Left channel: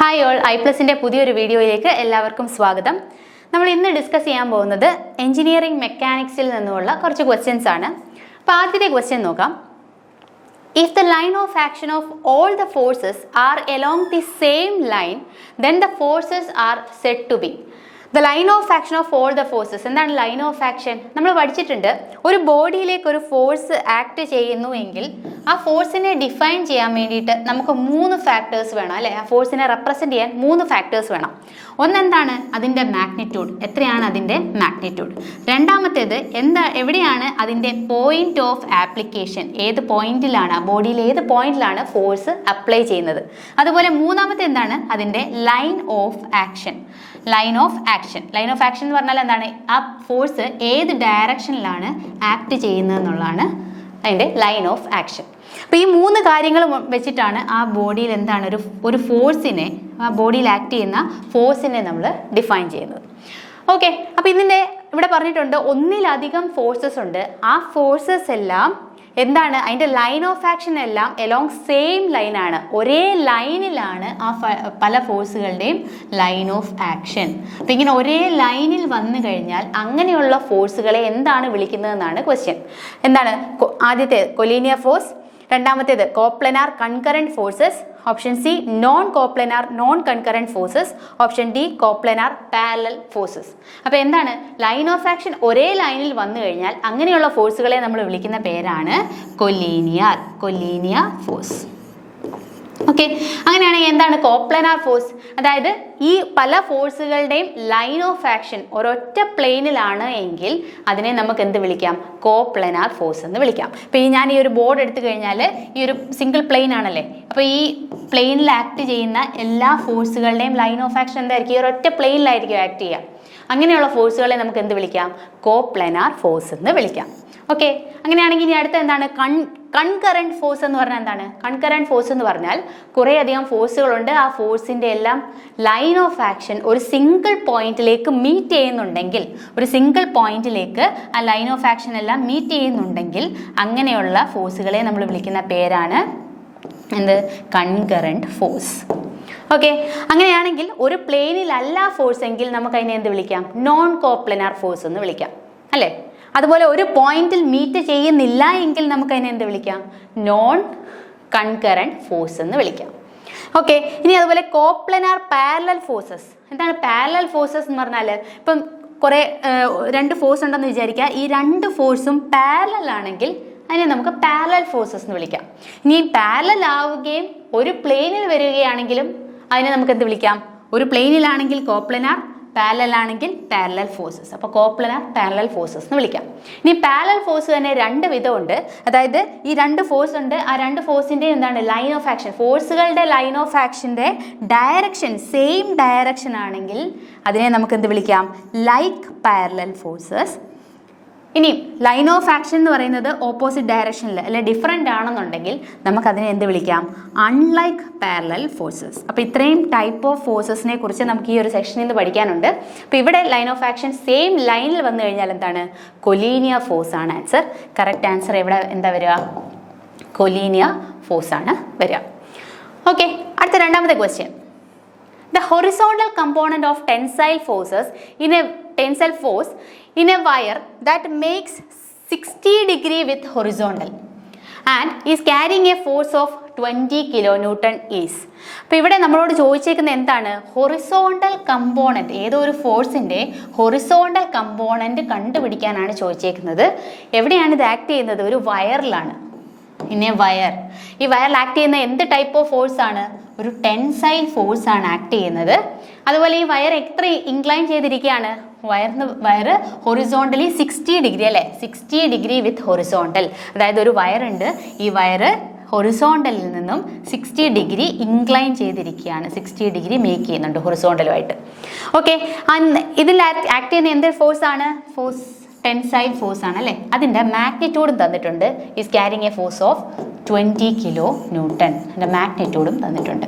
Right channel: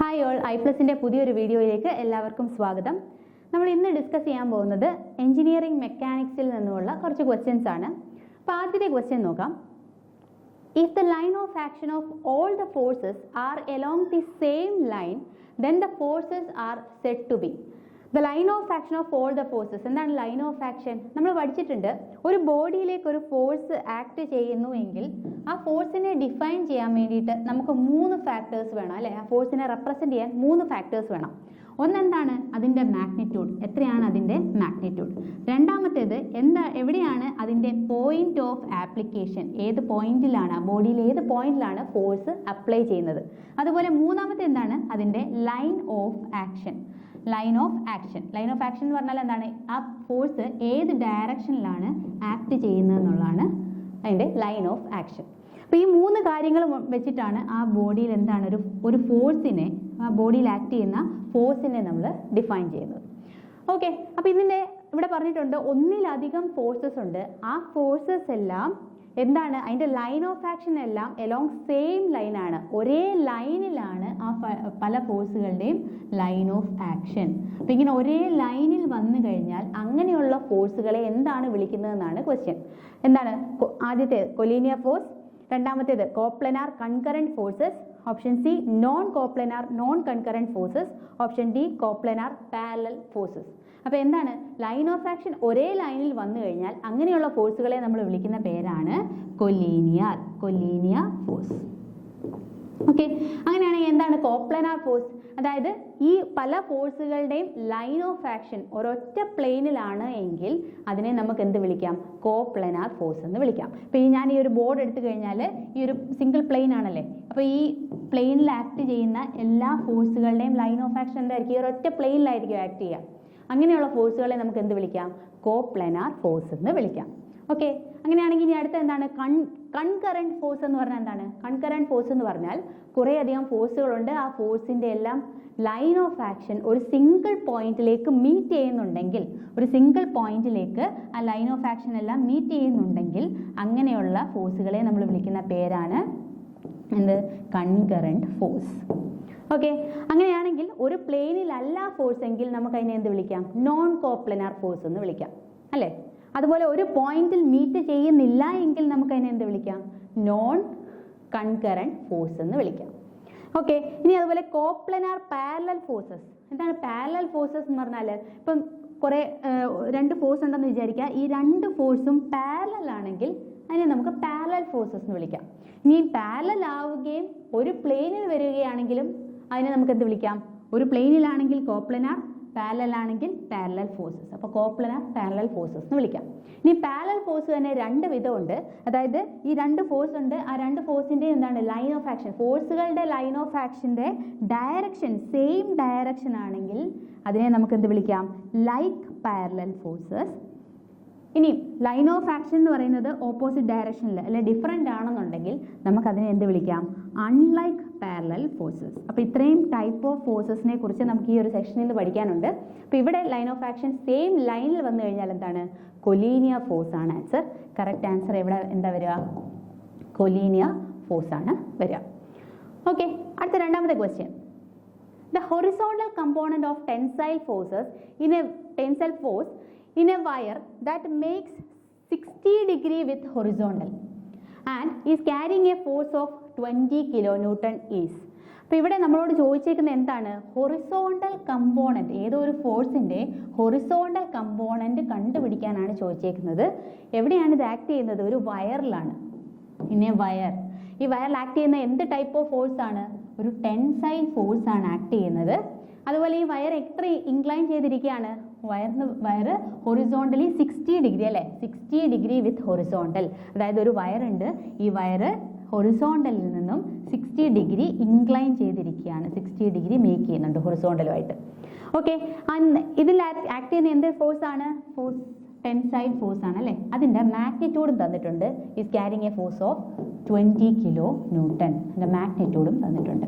Hi all, ഐപ്ലസിൻ്റെ പുതിയൊരു വീഡിയോയിലേക്ക് എല്ലാവർക്കും സ്വാഗതം. നമ്മൾ ഇന്ന് ഡിസ്കസ് ചെയ്യാൻ പോകുന്നത് എഞ്ചിനീയറിംഗ് മെക്കാനിക്സിൽ നിന്നുമുള്ള കുറച്ച് ക്വസ്റ്റ്യൻസ് ആണ്. അപ്പോൾ ആദ്യത്തെ ക്വസ്റ്റ്യൻ നോക്കാം. If the line of action of all the forces are along the same line, then the forces are said to be. The line of action of all the forces. എന്താണ് line of action? നമ്മൾ പഠിച്ചിട്ടുണ്ട്, ഒരു ബോഡിയിലേക്ക് ഒരു force act ചെയ്യുന്നു എങ്കിൽ ആ ഫോഴ്സിനെ define ചെയ്യാൻ വേണ്ടിയിട്ട് നമുക്ക് 3 ഫാക്ടേഴ്സ് വേണം, അല്ലേ? ആ ഫോഴ്സിനെ റെപ്രസെൻറ്റ് ചെയ്യാൻ 3 ഫാക്ടേഴ്സ് വേണം. ഒന്നെന്താണ്? അതിൻ്റെ മാഗ്നിറ്റ്യൂഡ്, എത്രയാണ് അതിൻ്റെ മാഗ്നിറ്റ്യൂഡ്. രണ്ടാമത്തേത് എവിടെയാണ് അതിൻ്റെ പോയിന്റ് ഓഫ് ആപ്ലിക്കേഷൻ, ഏത് പോയിന്റിലാണ്, ആ ബോഡിയിൽ ഏത് പോയിന്റിലാണ് ഫോഴ്സ് അപ്ലൈ ചെയ്യുന്നത്. അതുപോലെ മൂന്നാമത്തെ എന്താണ്? അതിൻ്റെ line of action. Line of action എന്ന് പറഞ്ഞാൽ എന്താണ്? ആ ഫോഴ്സ് ഏത് ഡയറക്ഷനിലാണ് ആക്ട് ചെയ്യുന്നത് എന്നുള്ളതാണ് അതിൻ്റെ ലൈൻ ഓഫ് ആക്ഷൻ. അപ്പോൾ ഈ 3 കാര്യങ്ങൾ വെച്ചിട്ടാണ് ആ ബോഡിയിൽ എന്താണ് ഒരു ഫോഴ്സിനെ, ആ ബോഡിയിൽ ആക്ട് ചെയ്യുന്ന ഫോഴ്സിനെ നമ്മൾ ഡിഫൈൻ ചെയ്യുന്നത്. ഓക്കെ, അപ്പോൾ ഇതിൻ്റെ ഇവിടെ പറഞ്ഞിട്ടുണ്ട് ഒന്നിലധികം ഫോഴ്സസ് ഉണ്ട്. ആ ഫോഴ്സസ് എല്ലാം എന്താണ്? അതിൻ്റെ ലൈൻ ഓഫ് ആക്ഷൻ എല്ലാം എലോങ് സെയിം ലൈനാണ്, ഒരേ ലൈനിലാണ് ആ പല ഫോഴ്സുകളുടെയും ലൈൻ ഓഫ് ആക്ഷൻ. അപ്പം ഇങ്ങനെ ഒരേ ലൈനിൽ വന്നു കഴിഞ്ഞാൽ അങ്ങനെയുള്ള ഫോഴ്സുകളെ എന്താണ് വിളിക്കുന്നതെന്നാണ് ക്വസ്റ്റ്യൻ. എന്താണ്? ആദ്യത്തെ കൊലീനിയർ ഫോഴ്സ്, രണ്ടാമത്തേത് coplanar concurrent forces, option C non coplanar non concurrent forces, option D coplanar parallel forces. അപ്പോൾ എന്താണ്? ലൈൻ ഓഫ് ആക്ഷൻ ഒരേ ലൈനിൽ വന്നു കഴിഞ്ഞാൽ അങ്ങനെയുള്ള ഫോഴ്സുകളെ നമ്മൾ വിളിക്കുന്ന പേരാണ് കൊലീനിയർ ഫോഴ്സ്. ഓക്കെ, അങ്ങനെയാണെങ്കിൽ എന്താണ് കോപ്ലനാർ ഫോഴ്സ്? അതായത് ഈ പല ഫോഴ്സുകളുടെയും ലൈൻ ഓഫ് ആക്ഷൻ ഒരൊറ്റ പ്ലെയിനിലാണ് എങ്കിൽ അതിനെ നമുക്ക് എന്ത് വിളിക്കാം? കോപ്ലനാർ ഫോഴ്സ് എന്ന് വിളിക്കാം. ഇപ്പോൾ ഞാൻ ഈ ഒരു ബോർഡ് എടുത്തു കഴിഞ്ഞാൽ ഈ ഒരു സിംഗിൾ പ്ലെയിൻ ആണല്ലേ, അപ്പോൾ ഈ പ്ലെയിനിൽ ആക്ട് ചെയ്യുന്ന എല്ലാ ഫോഴ്സുകളുടെയും ലൈൻ ഓഫ് ആക്ഷൻ എന്തായിരിക്കും? ഈ ഒരൊറ്റ പ്ലെയിനിലായിരിക്കും ആക്ട് ചെയ്യുക. അങ്ങനെയുള്ള ഫോഴ്സുകളെ നമുക്ക് എന്ത് വിളിക്കാം? കോപ്ലനാർ ഫോഴ്സ് എന്ന് വിളിക്കാം. ഓക്കെ, അങ്ങനെയാണെങ്കിൽ ഇനി അടുത്ത എന്താണ്? കൺകറന്റ് ഫോഴ്സ് എന്ന് പറഞ്ഞാൽ എന്താണ്? കൺകറന്റ് ഫോഴ്സ് എന്ന് പറഞ്ഞാൽ കുറേയധികം ഫോഴ്സുകളുണ്ട്. ആ ഫോഴ്സിൻ്റെ എല്ലാം ലൈൻ ഓഫ് ആക്ഷൻ ഒരു സിംഗിൾ പോയിന്റിലേക്ക് മീറ്റ് ചെയ്യുന്നുണ്ടെങ്കിൽ, ഒരു സിംഗിൾ പോയിന്റിലേക്ക് ആ ലൈൻ ഓഫ് ആക്ഷൻ എല്ലാം മീറ്റ് ചെയ്യുന്നുണ്ടെങ്കിൽ അങ്ങനെയുള്ള ഫോഴ്സുകളെ നമ്മൾ വിളിക്കുന്ന പേരാണ് എന്ത്? Concurrent force. ഓക്കെ, അങ്ങനെയാണെങ്കിൽ ഒരു പ്ലെയിനിലല്ല ഫോഴ്സ് എങ്കിൽ നമുക്ക് അതിനെ എന്ത് വിളിക്കാം? നോൺ കോപ്ലനാർ ഫോഴ്സ് എന്ന് വിളിക്കാം, അല്ലേ? അതുപോലെ ഒരു പോയിന്റിൽ മീറ്റ് ചെയ്യുന്നില്ല എങ്കിൽ നമുക്ക് അതിനെ എന്ത് വിളിക്കാം? നോൺ കൺകറന്റ് ഫോഴ്സ് എന്ന് വിളിക്കാം. ഓക്കെ, ഇനി അതുപോലെ കോപ്ലനാർ പാരലൽ ഫോഴ്സസ്. എന്താണ് പാരലൽ ഫോഴ്സസ് എന്ന് പറഞ്ഞാൽ? ഇപ്പം കുറേ 2 ഫോഴ്സ് ഉണ്ടെന്ന് വിചാരിക്കുക. ഈ 2 ഫോഴ്സും പാരലൽ ആണെങ്കിൽ അതിനെ നമുക്ക് പാരലൽ ഫോഴ്സസ് എന്ന് വിളിക്കാം. ഇനി പാരലൽ ആവുകയും ഒരു പ്ലെയിനിൽ വരികയാണെങ്കിലും അതിനെ നമുക്ക് എന്ത് വിളിക്കാം? ഒരു പ്ലെയിനിലാണെങ്കിൽ കോപ്ലനാർ, പാരലൽ ആണെങ്കിൽ പാരലൽ ഫോഴ്സസ്. അപ്പോൾ കോപ്ലനാർ പാരലൽ ഫോഴ്സസ് എന്ന് വിളിക്കാം. ഇനി പാരലൽ ഫോഴ്സ് തന്നെ 2 വിധമുണ്ട്. അതായത് ഈ 2 ഫോഴ്സ് ഉണ്ട്, ആ 2 ഫോഴ്സിൻ്റെ എന്താണ്? ലൈൻ ഓഫ് ആക്ഷൻ, ഫോഴ്സുകളുടെ ലൈൻ ഓഫ് ആക്ഷൻ്റെ ഡയറക്ഷൻ സെയിം ഡയറക്ഷൻ ആണെങ്കിൽ അതിനെ നമുക്ക് എന്ത് വിളിക്കാം? Like parallel forces. ഇനി ലൈൻ ഓഫ് ആക്ഷൻ എന്ന് പറയുന്നത് ഓപ്പോസിറ്റ് ഡയറക്ഷനിൽ അല്ലെ ഡിഫറെൻ്റ് ആണെന്നുണ്ടെങ്കിൽ നമുക്കതിനെ എന്ത് വിളിക്കാം? Unlike parallel forces. അപ്പോൾ ഇത്രയും ടൈപ്പ് ഓഫ് ഫോഴ്സസിനെ കുറിച്ച് നമുക്ക് ഈ ഒരു സെക്ഷനിൽ നിന്ന് പഠിക്കാനുണ്ട്. അപ്പോൾ ഇവിടെ ലൈൻ ഓഫ് ആക്ഷൻ സെയിം ലൈനിൽ വന്നു കഴിഞ്ഞാൽ എന്താണ്? കൊലീനിയർ ഫോഴ്സ് ആണ് ആൻസർ. കറക്റ്റ് ആൻസർ ഇവിടെ എന്താ വരിക? കൊലീനിയർ ഫോഴ്സ് ആണ് വരിക. ഓക്കെ, അടുത്ത രണ്ടാമത്തെ question. The horizontal component of tensile forces in a tensile force in a wire that makes 60 degree with horizontal and is carrying a force of 20 kilonewton is. അപ്പോൾ ഇവിടെ നമ്മളോട് ചോദിച്ചേക്കുന്നത് എന്താണ്? ഹൊറിസോണ്ടൽ കമ്പോണൻറ്റ്, ഏതോ ഒരു ഫോഴ്സിൻ്റെ ഹൊറിസോണ്ടൽ കമ്പോണൻറ്റ് കണ്ടുപിടിക്കാനാണ് ചോദിച്ചേക്കുന്നത്. എവിടെയാണ് ഇത് act ചെയ്യുന്നത്? ഒരു വയറിലാണ്. ഇനി വയർ, ഈ വയറിൽ ആക്ട് ചെയ്യുന്ന എന്ത് ടൈപ്പ് ഓഫ് ഫോഴ്സ് ആണ്? ഒരു ടെൻസൈൽ ഫോഴ്സ് ആണ് ആക്ട് ചെയ്യുന്നത്. അതുപോലെ ഈ വയർ എത്ര ഇൻക്ലൈൻ ചെയ്തിരിക്കുകയാണ്? വയർ ഹൊറിസോണ്ടലി 60 ഡിഗ്രി, അല്ലേ? 60 ഡിഗ്രി വിത്ത് ഹൊറിസോണ്ടൽ. അതായത് ഒരു വയറുണ്ട്, ഈ വയർ ഹൊറിസോണ്ടലിൽ നിന്നും 60 ഡിഗ്രി ഇൻക്ലൈൻ ചെയ്തിരിക്കുകയാണ്, 60 ഡിഗ്രി മേക്ക് ചെയ്യുന്നുണ്ട് ഹൊറിസോണ്ടലുമായിട്ട്. ഓക്കെ, ഇതിൽ ആക്ട് ചെയ്യുന്ന എന്ത് ഫോഴ്സ് ആണ്? ഫോഴ്സ് ടെൻസൈൽ ഫോഴ്സ് ആണ്, അല്ലേ? അതിൻ്റെ മാഗ്നിറ്റ്യൂഡും തന്നിട്ടുണ്ട്. Is carrying A force of 20 kilo newton. അതിൻ്റെ മാഗ്നിറ്റ്യൂഡും തന്നിട്ടുണ്ട്.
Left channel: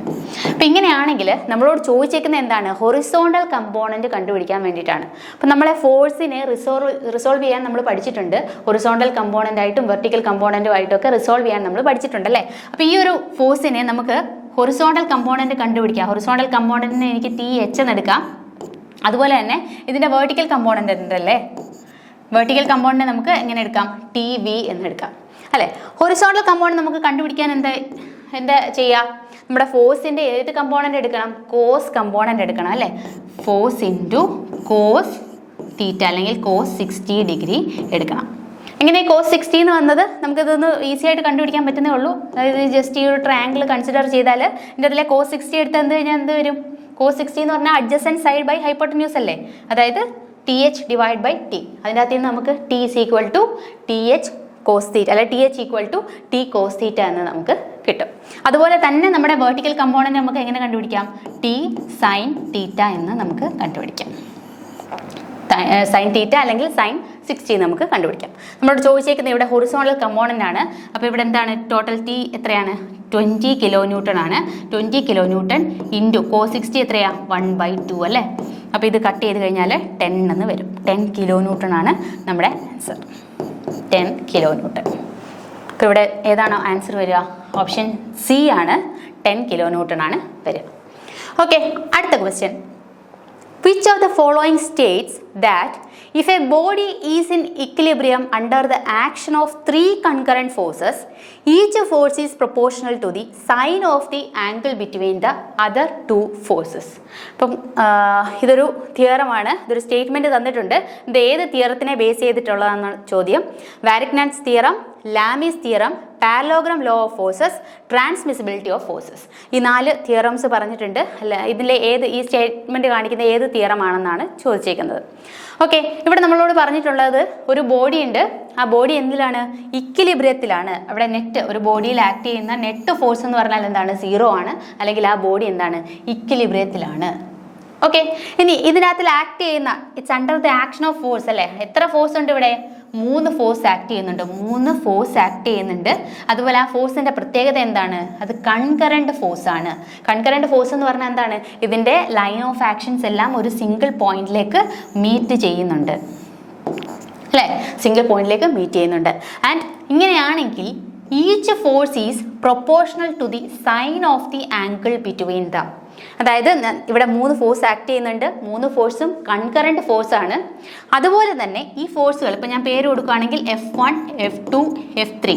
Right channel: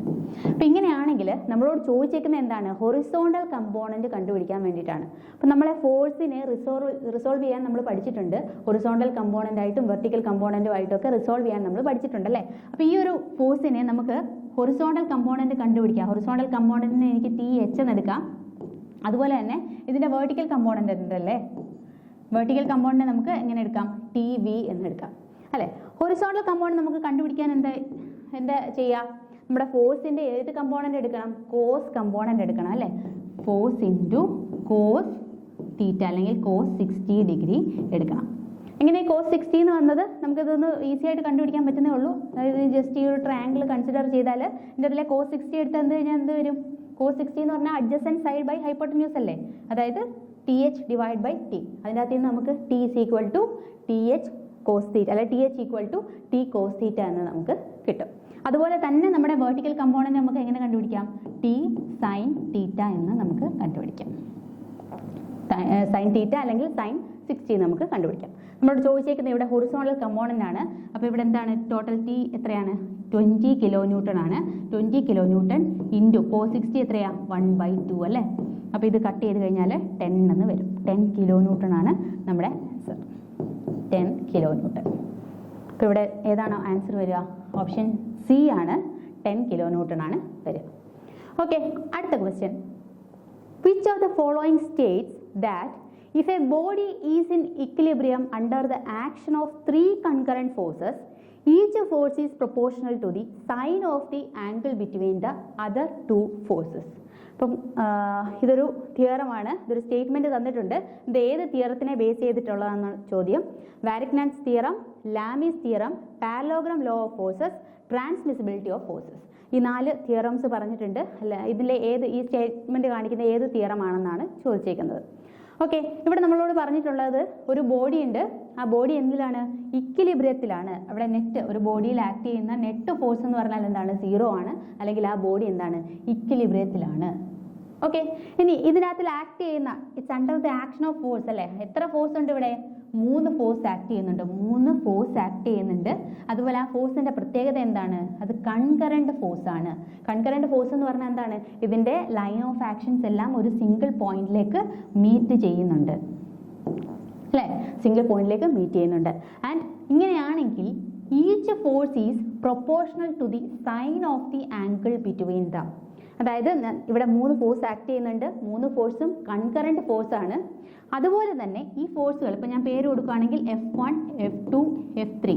അപ്പോൾ ഇങ്ങനെയാണെങ്കിൽ നമ്മളോട് ചോദിച്ചേക്കുന്നത് എന്താണ്? ഹൊറിസോണ്ടൽ കമ്പോണൻറ്റ് കണ്ടുപിടിക്കാൻ വേണ്ടിയിട്ടാണ്. അപ്പോൾ നമ്മളെ ഫോഴ്സിനെ റിസോൾവ് ചെയ്യാൻ നമ്മൾ പഠിച്ചിട്ടുണ്ട്. ഹൊറിസോണ്ടൽ കമ്പോണൻ്റ് ആയിട്ടും വെർട്ടിക്കൽ കമ്പോണൻറ്റും ആയിട്ടൊക്കെ റിസോൾവ് ചെയ്യാൻ നമ്മൾ പഠിച്ചിട്ടുണ്ടല്ലേ. അപ്പോൾ ഈ ഒരു ഫോഴ്സിനെ നമുക്ക് ഹൊറിസോണ്ടൽ കമ്പോണൻറ്റ് കണ്ടുപിടിക്കുക. ഹൊറിസോണ്ടൽ കമ്പോണൻറ്റിന് എനിക്ക് TH എന്ന് എടുക്കാം. അതുപോലെ തന്നെ ഇതിൻ്റെ വേർട്ടിക്കൽ കമ്പോണൻ്റ് ഉണ്ടല്ലേ, വേർട്ടിക്കൽ കമ്പോണൻറ്റ് നമുക്ക് എങ്ങനെ എടുക്കാം? TV എന്ന് എടുക്കാം അല്ലേ. ഹൊറിസോണ്ടൽ കമ്പോണൻറ്റ് നമുക്ക് കണ്ടുപിടിക്കാൻ എന്താ ചെയ്യുക? നമ്മുടെ ഫോഴ്സിൻ്റെ ഏത് കമ്പോണൻ്റ് എടുക്കണം? കോസ് കമ്പോണൻ്റ് എടുക്കണം അല്ലേ. ഫോഴ്സ് ഇൻറ്റു കോസ് തീറ്റ അല്ലെങ്കിൽ കോസ് 60 ഡിഗ്രി എടുക്കണം. എങ്ങനെ കോസ് 60 എന്ന് വന്നത്? നമുക്കിതൊന്ന് ഈസി ആയിട്ട് കണ്ടുപിടിക്കാൻ പറ്റുന്നേ ഉള്ളൂ. അതായത് ജസ്റ്റ് ഈ ഒരു ട്രയാങ്കിൾ കൺസിഡർ ചെയ്താൽ ഇതിൻ്റെ അതിലെ കോസ് 60 എടുത്ത് കഴിഞ്ഞാൽ എന്ത് വരും? കോസ് 60 എന്ന് പറഞ്ഞാൽ അഡ്ജസൻറ്റ് സൈഡ് ബൈ ഹൈപ്പോട്ടന്യൂസ് അല്ലേ, അതായത് TH ഡിവൈഡ് ബൈ T. അതിൻ്റെ അകത്ത് നിന്ന് നമുക്ക് T is equal to TH cos theta അല്ലെ TH equal to T cos theta എന്ന് നമുക്ക് കിട്ടും. അതുപോലെ തന്നെ നമ്മുടെ വെർട്ടിക്കൽ കമ്പോണൻറ്റ് നമുക്ക് എങ്ങനെ കണ്ടുപിടിക്കാം? T സൈൻ തീറ്റ എന്ന് നമുക്ക് കണ്ടുപിടിക്കാം. സൈൻ തീറ്റ അല്ലെങ്കിൽ സൈൻ 60 നമുക്ക് കണ്ടുപിടിക്കാം. നമ്മളോട് ചോദിച്ചേക്കുന്നത് ഇവിടെ ഹൊറിസോണ്ടൽ കമ്പോണൻ്റ് ആണ്. അപ്പോൾ ഇവിടെ എന്താണ് ടോട്ടൽ T എത്രയാണ്? 20 കിലോ ന്യൂട്ടൺ ആണ്. 20 കിലോ ന്യൂട്ടൺ ഇൻറ്റു കോസ് 60 എത്രയാണ്? 1/2 അല്ലേ. അപ്പോൾ ഇത് കട്ട് ചെയ്ത് കഴിഞ്ഞാൽ 10 എന്ന് വരും. 10 കിലോ ന്യൂട്ടൺ ആണ് നമ്മുടെ ആൻസർ. 10 kilo newton. അപ്പോൾ ഇവിടെ ഏതാണ് ആൻസർ വരിക? ഓപ്ഷൻ C ആണ്. 10 കിലോ ന്യൂട്ടൺ ആണ് വരിക. ഓക്കെ, അടുത്ത question. Which of the following states that if a body is in equilibrium under the action of 3 concurrent forces, each force is proportional to the sine of the angle between the other 2 forces? അപ്പം ഇതൊരു തിയറമാണ്, ഇതൊരു statement തന്നിട്ടുണ്ട്. ഇത് ഏത് തിയറത്തിനെ base ചെയ്തിട്ടുള്ളതെന്നാണ് ചോദ്യം. Varignon's theorem, Lami's theorem, parallelogram law of forces, transmissibility of forces. ഈ 4 theorems പറഞ്ഞിട്ടുണ്ട്. അല്ല, ഇതിലെ ഈ സ്റ്റേറ്റ്മെൻറ്റ് കാണിക്കുന്ന ഏത് തിയറമാണെന്നാണ് ചോദിച്ചേക്കുന്നത്. ഓക്കെ, ഇവിടെ നമ്മളോട് പറഞ്ഞിട്ടുള്ളത് ഒരു ബോഡി ഉണ്ട്. ആ ബോഡി എന്തിലാണ്? ഇക്വിലിബ്രിയത്തിലാണ്. അവിടെ ഒരു ബോഡിയിൽ ആക്ട് ചെയ്യുന്ന നെറ്റ് ഫോഴ്സ് എന്ന് പറഞ്ഞാൽ എന്താണ്? 0 ആണ്. അല്ലെങ്കിൽ ആ ബോഡി എന്താണ്? ഇക്വിലിബ്രിയത്തിലാണ്. ഓക്കെ, ഇനി ഇതിനകത്തിൽ ആക്ട് ചെയ്യുന്ന it's under the action of force അല്ലേ. എത്ര ഫോഴ്സ് ഉണ്ട് ഇവിടെ? 3 ഫോഴ്സ് ആക്ട് ചെയ്യുന്നുണ്ട്. 3 ഫോഴ്സ് ആക്ട് ചെയ്യുന്നുണ്ട്. അതുപോലെ ആ ഫോഴ്സിൻ്റെ പ്രത്യേകത എന്താണ്? അത് കൺകറൻറ്റ് ഫോഴ്സ് ആണ്. കൺകറൻറ്റ് ഫോഴ്സ് എന്ന് പറഞ്ഞാൽ എന്താണ്? ഇതിൻ്റെ ലൈൻ ഓഫ് ആക്ഷൻസ് എല്ലാം ഒരു സിംഗിൾ പോയിന്റിലേക്ക് മീറ്റ് ചെയ്യുന്നുണ്ട് അല്ലേ, സിംഗിൾ പോയിന്റിലേക്ക് മീറ്റ് ചെയ്യുന്നുണ്ട്. ആൻഡ് ഇങ്ങനെയാണെങ്കിൽ each force is proportional to the sine of the angle between them. അതായത് ഇവിടെ 3 ഫോഴ്സ് ആക്ട് ചെയ്യുന്നുണ്ട്. 3 ഫോഴ്സും കൺകറൻറ്റ് ഫോഴ്സ് ആണ്. അതുപോലെ തന്നെ ഈ ഫോഴ്സുകൾ ഇപ്പം ഞാൻ പേര് കൊടുക്കുകയാണെങ്കിൽ F1, F2, F3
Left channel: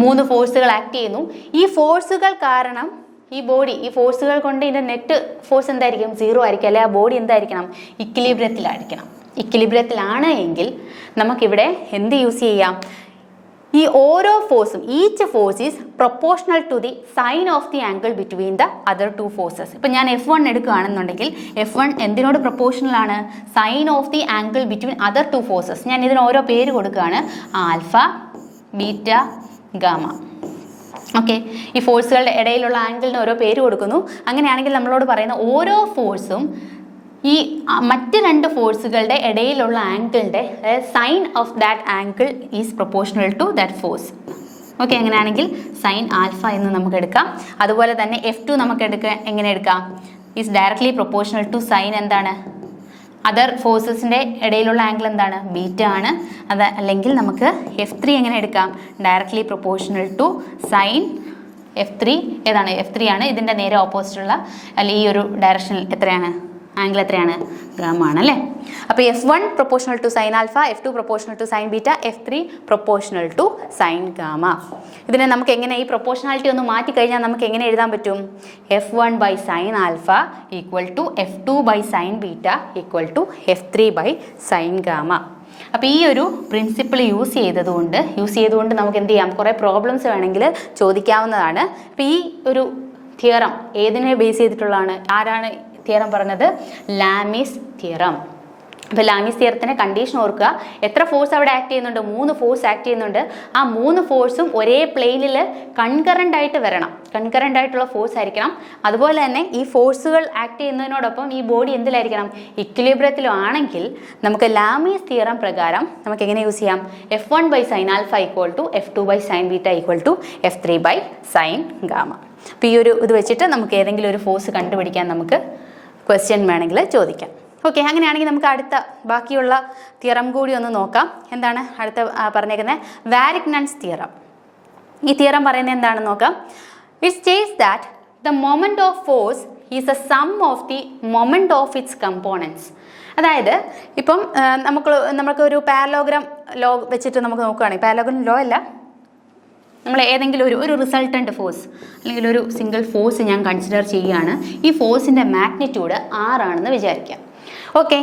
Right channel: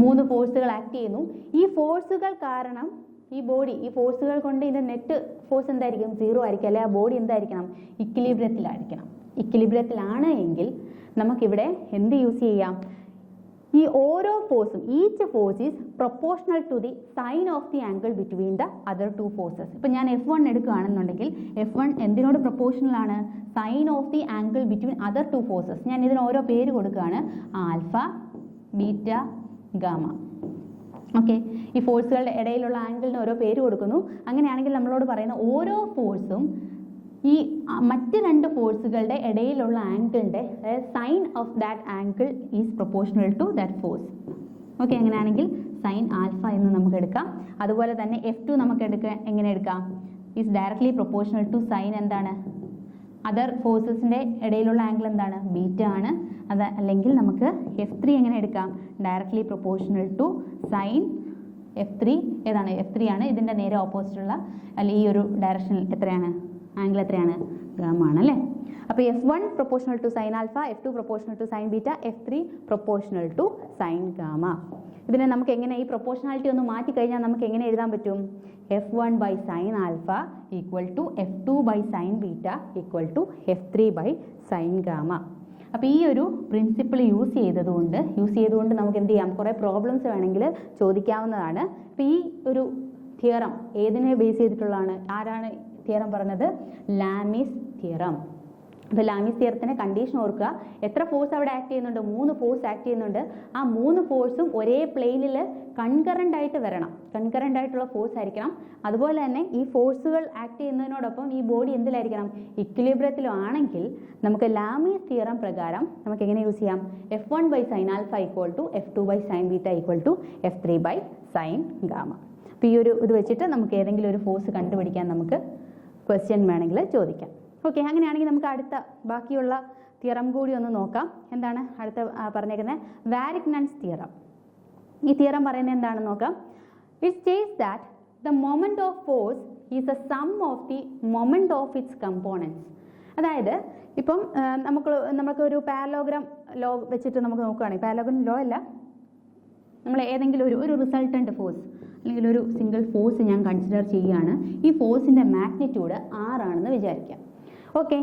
3 ഫോഴ്സുകൾ ആക്ട് ചെയ്യുന്നു. ഈ ഫോഴ്സുകൾ കാരണം ഈ ബോഡി, ഈ ഫോഴ്സുകൾ കൊണ്ട് ഇതിൻ്റെ നെറ്റ് ഫോഴ്സ് എന്തായിരിക്കും? 0 ആയിരിക്കും. അല്ലെ ആ ബോഡി എന്തായിരിക്കണം? ഇക്വിലിബ്രിയത്തിലായിരിക്കണം. ഇക്വിലിബ്രിയത്തിലാണ് എങ്കിൽ നമുക്കിവിടെ എന്ത് യൂസ് ചെയ്യാം? ഈ ഓരോ ഫോഴ്സും each force is proportional to the sine of the angle between the other 2 forces. ഇപ്പം ഞാൻ F1 എടുക്കുകയാണെന്നുണ്ടെങ്കിൽ F1 എന്തിനോട് പ്രൊപ്പോർഷണൽ ആണ്? Sine of the angle between other 2 forces. ഞാൻ ഇതിന് ഓരോ പേര് കൊടുക്കുകയാണ്. Alpha, beta, gamma. ഓക്കെ, ഈ ഫോഴ്സുകളുടെ ഇടയിലുള്ള ആംഗിളിന് ഓരോ പേര് കൊടുക്കുന്നു. അങ്ങനെയാണെങ്കിൽ നമ്മളോട് പറയുന്ന ഓരോ ഫോഴ്സും ഈ മറ്റ് 2 ഫോഴ്സുകളുടെ ഇടയിലുള്ള ആംഗിളിൻ്റെ sine of that angle is proportional to that force. Okay, അങ്ങനെയാണെങ്കിൽ സൈൻ ആൽഫ എന്ന് നമുക്ക് എടുക്കാം. അതുപോലെ തന്നെ F2 നമുക്ക് എങ്ങനെ എടുക്കാം? Is directly proportional to sine എന്താണ്? അതർ ഫോഴ്സസിൻ്റെ ഇടയിലുള്ള ആംഗിൾ എന്താണ്? ബീറ്റ ആണ്. അത് അല്ലെങ്കിൽ നമുക്ക് F3 എങ്ങനെ എടുക്കാം? Directly proportional to sign F3 ഏതാണ്? F3 ആണ്. ഇതിൻ്റെ നേരെ ഓപ്പോസിറ്റുള്ള അല്ലെങ്കിൽ ഈ ഒരു ഡയറക്ഷനിൽ എത്രയാണ്? ആംഗിൾ എത്രയാണ്? ഗാമ ആണ് അല്ലേ. അപ്പോൾ F1 proportional to sine alpha, F2 proportional to sine beta, F3 proportional to sine gamma. ഇതിനെ നമുക്ക് എങ്ങനെ ഈ പ്രൊപ്പോർഷണാലിറ്റി ഒന്ന് മാറ്റി കഴിഞ്ഞാൽ നമുക്ക് എങ്ങനെ എഴുതാൻ പറ്റും? F1 by sine alpha equal to F2 by sine beta equal to F3 by sine gamma. അപ്പോൾ ഈ ഒരു പ്രിൻസിപ്പിൾ യൂസ് ചെയ്തുകൊണ്ട് നമുക്ക് എന്ത് ചെയ്യാം? കുറേ പ്രോബ്ലംസ് വേണമെങ്കിൽ ചോദിക്കാവുന്നതാണ്. അപ്പോൾ ഈ ഒരു തിയറം ഏതിനെ ബേസ് ചെയ്തിട്ടുള്ളതാണ്? ആരാണ് തിയറം പറഞ്ഞത്? ലാമീസ് തിയറം. അപ്പോൾ ലാമീസ് തിയറത്തിൻ്റെ കണ്ടീഷൻ ഓർക്കുക. എത്ര ഫോഴ്സ് അവിടെ ആക്ട് ചെയ്യുന്നുണ്ട്? 3 ഫോഴ്സ് ആക്ട് ചെയ്യുന്നുണ്ട്. ആ 3 ഫോഴ്സും ഒരേ പ്ലെയിനിൽ കൺകറൻ്റ് ആയിട്ട് വരണം. കൺകറൻ്റ് ആയിട്ടുള്ള ഫോഴ്സ് ആയിരിക്കണം. അതുപോലെ തന്നെ ഈ ഫോഴ്സുകൾ ആക്ട് ചെയ്യുന്നതിനോടൊപ്പം ഈ ബോഡി എന്തിലായിരിക്കണം? ഇക്വിലിബ്രിയത്തിലും ആണെങ്കിൽ നമുക്ക് ലാമീസ് തിയറം പ്രകാരം നമുക്ക് എങ്ങനെ യൂസ് ചെയ്യാം? F1 by sine alpha equal to F2 by sine beta equal to F3 by sine gamma. അപ്പോൾ ഈ ഒരു ഇത് വെച്ചിട്ട് നമുക്ക് ഏതെങ്കിലും ഒരു ഫോഴ്സ് കണ്ടുപിടിക്കാൻ നമുക്ക് ക്വസ്റ്റ്യൻ വേണമെങ്കിൽ ചോദിക്കാം. ഓക്കെ, അങ്ങനെയാണെങ്കിൽ നമുക്ക് അടുത്ത ബാക്കിയുള്ള തിയറം കൂടി ഒന്ന് നോക്കാം. എന്താണ് അടുത്ത പറഞ്ഞേക്കുന്നത്? വാരിക്നാൻസ് തിയറം. ഈ തിയറം പറയുന്നത് എന്താണെന്ന് നോക്കാം. It states that the moment of force is a sum of the moment of its components. അതായത് ഇപ്പം നമുക്കൊരു പാരലോഗ്രാം ലോ വെച്ചിട്ട് നമുക്ക് നോക്കുകയാണെങ്കിൽ, പാരലോഗ്രാം ലോ അല്ല, നമ്മൾ ഏതെങ്കിലും ഒരു റിസൾട്ടൻ്റ് ഫോഴ്സ് അല്ലെങ്കിൽ ഒരു സിംഗിൾ ഫോഴ്സ് ഞാൻ കൺസിഡർ ചെയ്യുകയാണ്. ഈ ഫോഴ്സിൻ്റെ മാഗ്നിറ്റ്യൂഡ് R ആണെന്ന് വിചാരിക്കാം. ഓക്കെ,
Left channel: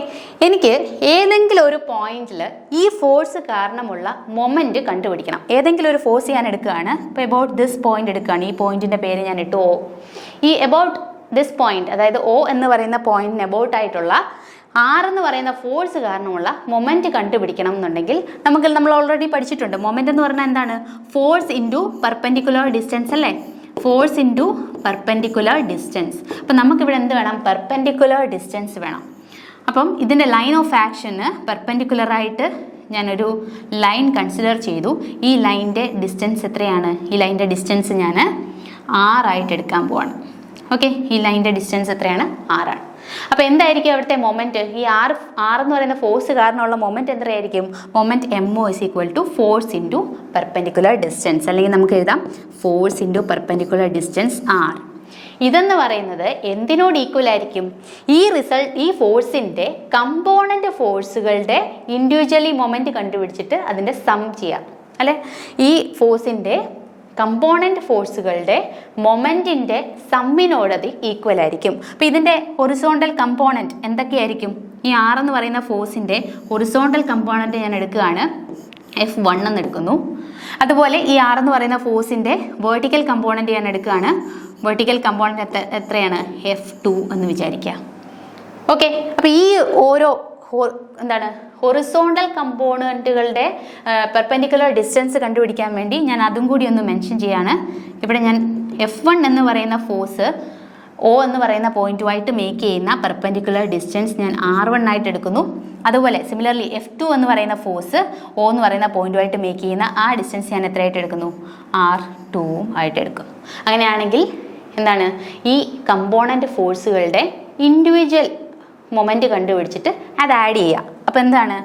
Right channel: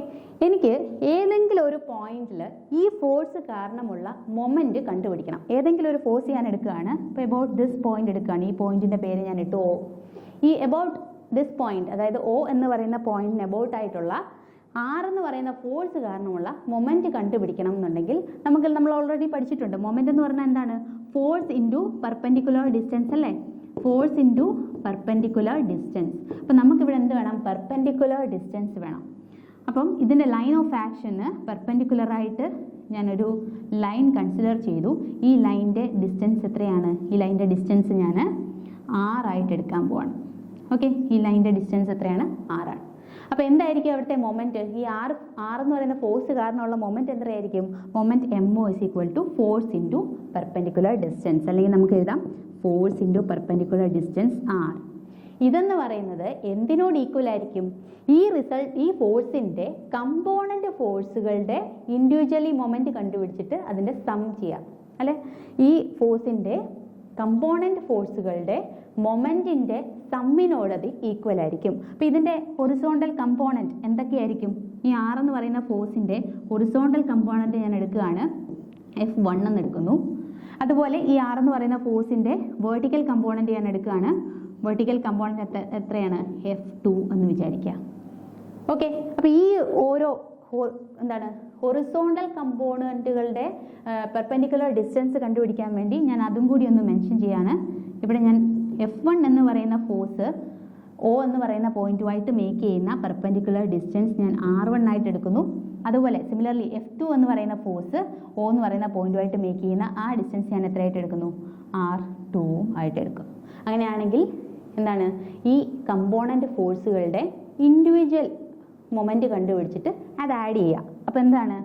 എനിക്ക് ഏതെങ്കിലും ഒരു പോയിന്റിൽ ഈ ഫോഴ്സ് കാരണമുള്ള മൊമെൻറ്റ് കണ്ടുപിടിക്കണം. ഏതെങ്കിലും ഒരു ഫോഴ്സ് ഞാൻ എടുക്കുകയാണ്. ഇപ്പോൾ എബൌട്ട് ദിസ് പോയിന്റ് എടുക്കുകയാണ്. ഈ പോയിന്റിൻ്റെ പേര് ഞാൻ ഇട്ടു O. ഈ എബൌട്ട് ദിസ് പോയിന്റ്, അതായത് O എന്ന് പറയുന്ന പോയിന്റിന് എബൌട്ട് ആയിട്ടുള്ള R എന്ന് പറയുന്ന ഫോഴ്സ് കാരണമുള്ള മൊമെൻറ്റ് കണ്ടുപിടിക്കണം എന്നുണ്ടെങ്കിൽ നമ്മൾ ഓൾറെഡി പഠിച്ചിട്ടുണ്ട്. മൊമെൻറ്റ് എന്ന് പറഞ്ഞാൽ എന്താണ്? ഫോഴ്സ് ഇൻറ്റു പെർപെൻഡിക്കുലർ ഡിസ്റ്റൻസ് അല്ലേ? Force into perpendicular distance. അപ്പം നമുക്കിവിടെ എന്ത് വേണം? പെർപെൻഡിക്കുലർ ഡിസ്റ്റൻസ് വേണം. അപ്പം ഇതിൻ്റെ ലൈൻ ഓഫ് ആക്ഷന് പെർപെൻഡിക്കുലറായിട്ട് ഞാനൊരു ലൈൻ കൺസിഡർ ചെയ്തു. ഈ ലൈൻ്റെ ഡിസ്റ്റൻസ് എത്രയാണ്? ഈ ലൈൻ്റെ ഡിസ്റ്റൻസ് ഞാൻ R ആയിട്ട് എടുക്കാൻ പോവാണ്. ഓക്കെ, ഈ ലൈൻ്റെ ഡിസ്റ്റൻസ് എത്രയാണ്? R ആണ്. അപ്പോൾ എന്തായിരിക്കും അവിടുത്തെ മൊമെൻറ്റ്? ഈ R എന്ന് പറയുന്ന ഫോഴ്സ് കാരണമുള്ള മൊമെൻറ്റ് എത്രയായിരിക്കും? Moment MO is equal to force into perpendicular distance. അല്ലെങ്കിൽ നമുക്ക് എഴുതാം force into perpendicular distance R. ഇതെന്ന് പറയുന്നത് എന്തിനോട് ഈക്വൽ ആയിരിക്കും? ഈ ഫോഴ്സിൻ്റെ കമ്പോണൻ്റ് ഫോഴ്സുകളുടെ ഇൻഡിവിജ്വലി മൊമെൻറ്റ് കണ്ടുപിടിച്ചിട്ട് അതിൻ്റെ സം ചെയ്യാം അല്ലേ? ഈ ഫോഴ്സിൻ്റെ കമ്പോണൻ്റ് ഫോഴ്സുകളുടെ മൊമെൻറ്റിൻ്റെ സമ്മിനോട് അത് ഈക്വൽ ആയിരിക്കും. അപ്പോൾ ഇതിൻ്റെ ഹൊറിസോണ്ടൽ കമ്പോണൻറ്റ് എന്തൊക്കെയായിരിക്കും? ഈ R എന്ന് പറയുന്ന ഫോഴ്സിൻ്റെ ഹൊറിസോണ്ടൽ കമ്പോണൻറ്റ് ഞാൻ എടുക്കുകയാണ്, F1 എന്ന് എടുക്കുന്നു. അതുപോലെ ഈ R എന്ന് പറയുന്ന ഫോഴ്സിൻ്റെ വേർട്ടിക്കൽ കമ്പോണൻറ്റ് ഞാൻ എടുക്കുകയാണ്. വേർട്ടിക്കൽ കമ്പോണൻറ്റ് എത്രയാണ്? F2 എന്ന് വിചാരിക്കുക. ഓക്കെ, അപ്പോൾ ഈ ഓരോ ഹൊറിസോണ്ടൽ കമ്പോണൻറ്റുകളുടെ പെർപെൻഡിക്കുലർ ഡിസ്റ്റൻസ് കണ്ടുപിടിക്കാൻ വേണ്ടി ഞാൻ അതും കൂടി ഒന്ന് മെൻഷൻ ചെയ്യാണ്. ഇവിടെ ഞാൻ F1 എന്ന് പറയുന്ന ഫോഴ്സ് O എന്ന് പറയുന്ന പോയിന്റുമായിട്ട് മേക്ക് ചെയ്യുന്ന പെർപെൻഡിക്കുലർ ഡിസ്റ്റൻസ് ഞാൻ R1 ആയിട്ട് എടുക്കുന്നു. അതുപോലെ സിമിലർലി F2 എന്ന് പറയുന്ന ഫോഴ്സ് O എന്ന് പറയുന്ന പോയിന്റുമായിട്ട് മേക്ക് ചെയ്യുന്ന ആ ഡിസ്റ്റൻസ് ഞാൻ എത്രയായിട്ട് എടുക്കുന്നു? R2 ആയിട്ട് എടുക്കും. അങ്ങനെയാണെങ്കിൽ എന്താണ്? ഈ കമ്പോണൻറ്റ് ഫോഴ്സുകളുടെ ഇൻഡിവിജ്വൽ മൊമെൻറ്റ് കണ്ടുപിടിച്ചിട്ട് അത് ആഡ് ചെയ്യുക. അപ്പോൾ എന്താണ്?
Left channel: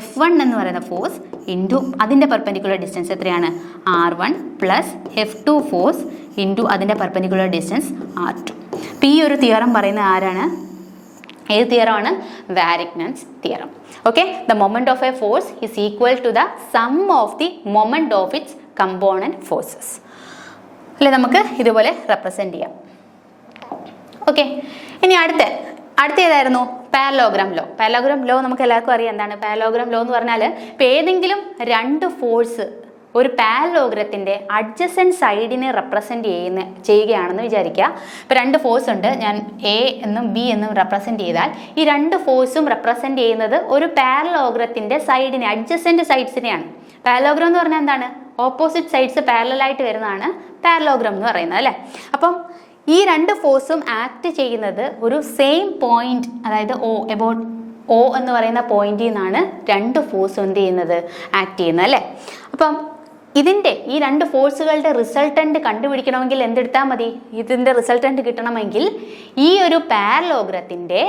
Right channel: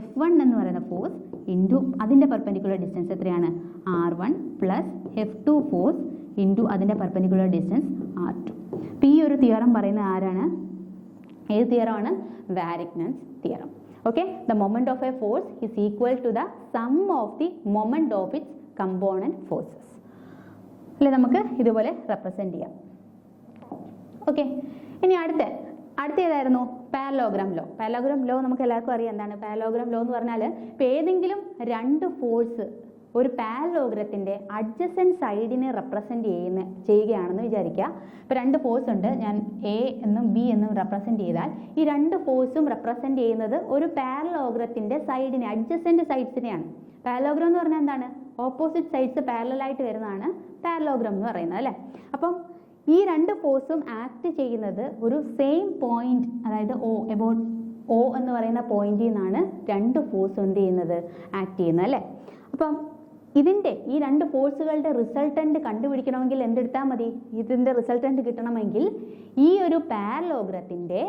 F1 എന്ന് പറയുന്ന ഫോഴ്സ് ഇൻറ്റു അതിൻ്റെ പെർപെൻഡിക്കുലർ ഡിസ്റ്റൻസ് എത്രയാണ്? R1 plus F2 force into അതിൻ്റെ പെർപെൻഡിക്കുലർ ഡിസ്റ്റൻസ് R2. അപ്പോൾ ഈ ഒരു തിയറം പറയുന്നത് ആരാണ്? ഏത് തിയറമാണ്? Varignon's theorem. Okay, the moment of a force is equal to the sum of the moment of its component forces അല്ലെ? നമുക്ക് ഇതുപോലെ റെപ്രസെൻറ്റ് ചെയ്യാം. ഓക്കെ, ഇനി അടുത്ത ഏതായിരുന്നു? Parallelogram law. പാരലോഗ്രാം ലോ നമുക്ക് എല്ലാവർക്കും അറിയാം എന്താണ് പാരലോഗ്രാം ലോ എന്ന് പറഞ്ഞാൽ. ഇപ്പോൾ ഏതെങ്കിലും രണ്ട് ഫോഴ്സ് ഒരു പാരലോഗ്രത്തിൻ്റെ അഡ്ജസൻറ്റ് സൈഡിനെ റെപ്രസെൻറ്റ് ചെയ്യുകയാണെന്ന് വിചാരിക്കുക. ഇപ്പോൾ രണ്ട് ഫോഴ്സ് ഉണ്ട്, ഞാൻ A എന്നും B എന്നും റെപ്രസെൻറ്റ് ചെയ്താൽ ഈ രണ്ട് ഫോഴ്സും റെപ്രസെൻറ്റ് ചെയ്യുന്നത് ഒരു പാരലോഗ്രത്തിൻ്റെ സൈഡിനെ, അഡ്ജസൻറ്റ് സൈഡ്സിനെയാണ്. പാരലോഗ്രാം എന്ന് പറഞ്ഞാൽ എന്താണ്? ഓപ്പോസിറ്റ് സൈഡ്സ് പാരലായിട്ട് വരുന്നതാണ് പാരലോഗ്രാം എന്ന് പറയുന്നത് അല്ലേ? അപ്പം ഈ രണ്ട് ഫോഴ്സും ആക്ട് ചെയ്യുന്നത് ഒരു സെയിം പോയിന്റ്, അതായത് O എന്ന് പറയുന്ന പോയിന്റിൽ നിന്നാണ് രണ്ട് ഫോഴ്സും എന്ത് ചെയ്യുന്നത്? ആക്ട് ചെയ്യുന്നത് അല്ലേ? അപ്പം ഈ രണ്ട് ഫോഴ്സുകളുടെ റിസൾട്ടൻ്റ് കണ്ടുപിടിക്കണമെങ്കിൽ എന്തെടുത്താൽ മതി? ഇതിൻ്റെ റിസൾട്ടൻ്റ് കിട്ടണമെങ്കിൽ ഈ ഒരു പാരലോഗ്രത്തിൻ്റെ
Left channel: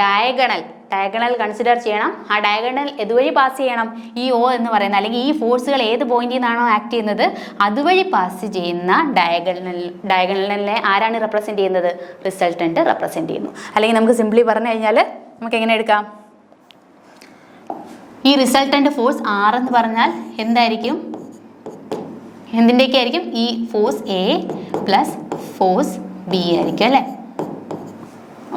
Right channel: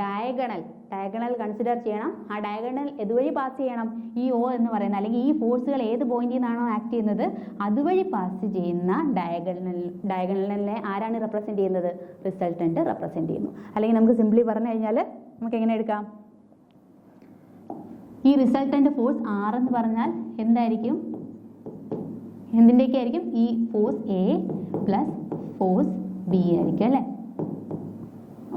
ഡയഗണൽ കൺസിഡർ ചെയ്യണം. ആ ഡയഗണൽ ഇതുവഴി പാസ് ചെയ്യണം. ഈ O എന്ന് പറയുന്ന അല്ലെങ്കിൽ ഈ ഫോഴ്സുകൾ ഏത് പോയിന്റിൽ നിന്നാണോ ആക്ട് ചെയ്യുന്നത് അതുവഴി പാസ് ചെയ്യുന്ന ഡയഗണലിനെ ആരാണ് റെപ്രസെൻറ്റ് ചെയ്യുന്നത്? റിസൾട്ടൻ്റ് റെപ്രസെൻറ്റ് ചെയ്യുന്നു. അല്ലെങ്കിൽ നമുക്ക് സിംപ്ലി പറഞ്ഞു കഴിഞ്ഞാൽ നമുക്ക് എങ്ങനെ എടുക്കാം? ഈ റിസൾട്ടൻ്റ് ഫോഴ്സ് R എന്ന് പറഞ്ഞാൽ എന്തായിരിക്കും? എന്തിൻ്റെയൊക്കെ ആയിരിക്കും? ഈ force A plus force B ആയിരിക്കും അല്ലേ?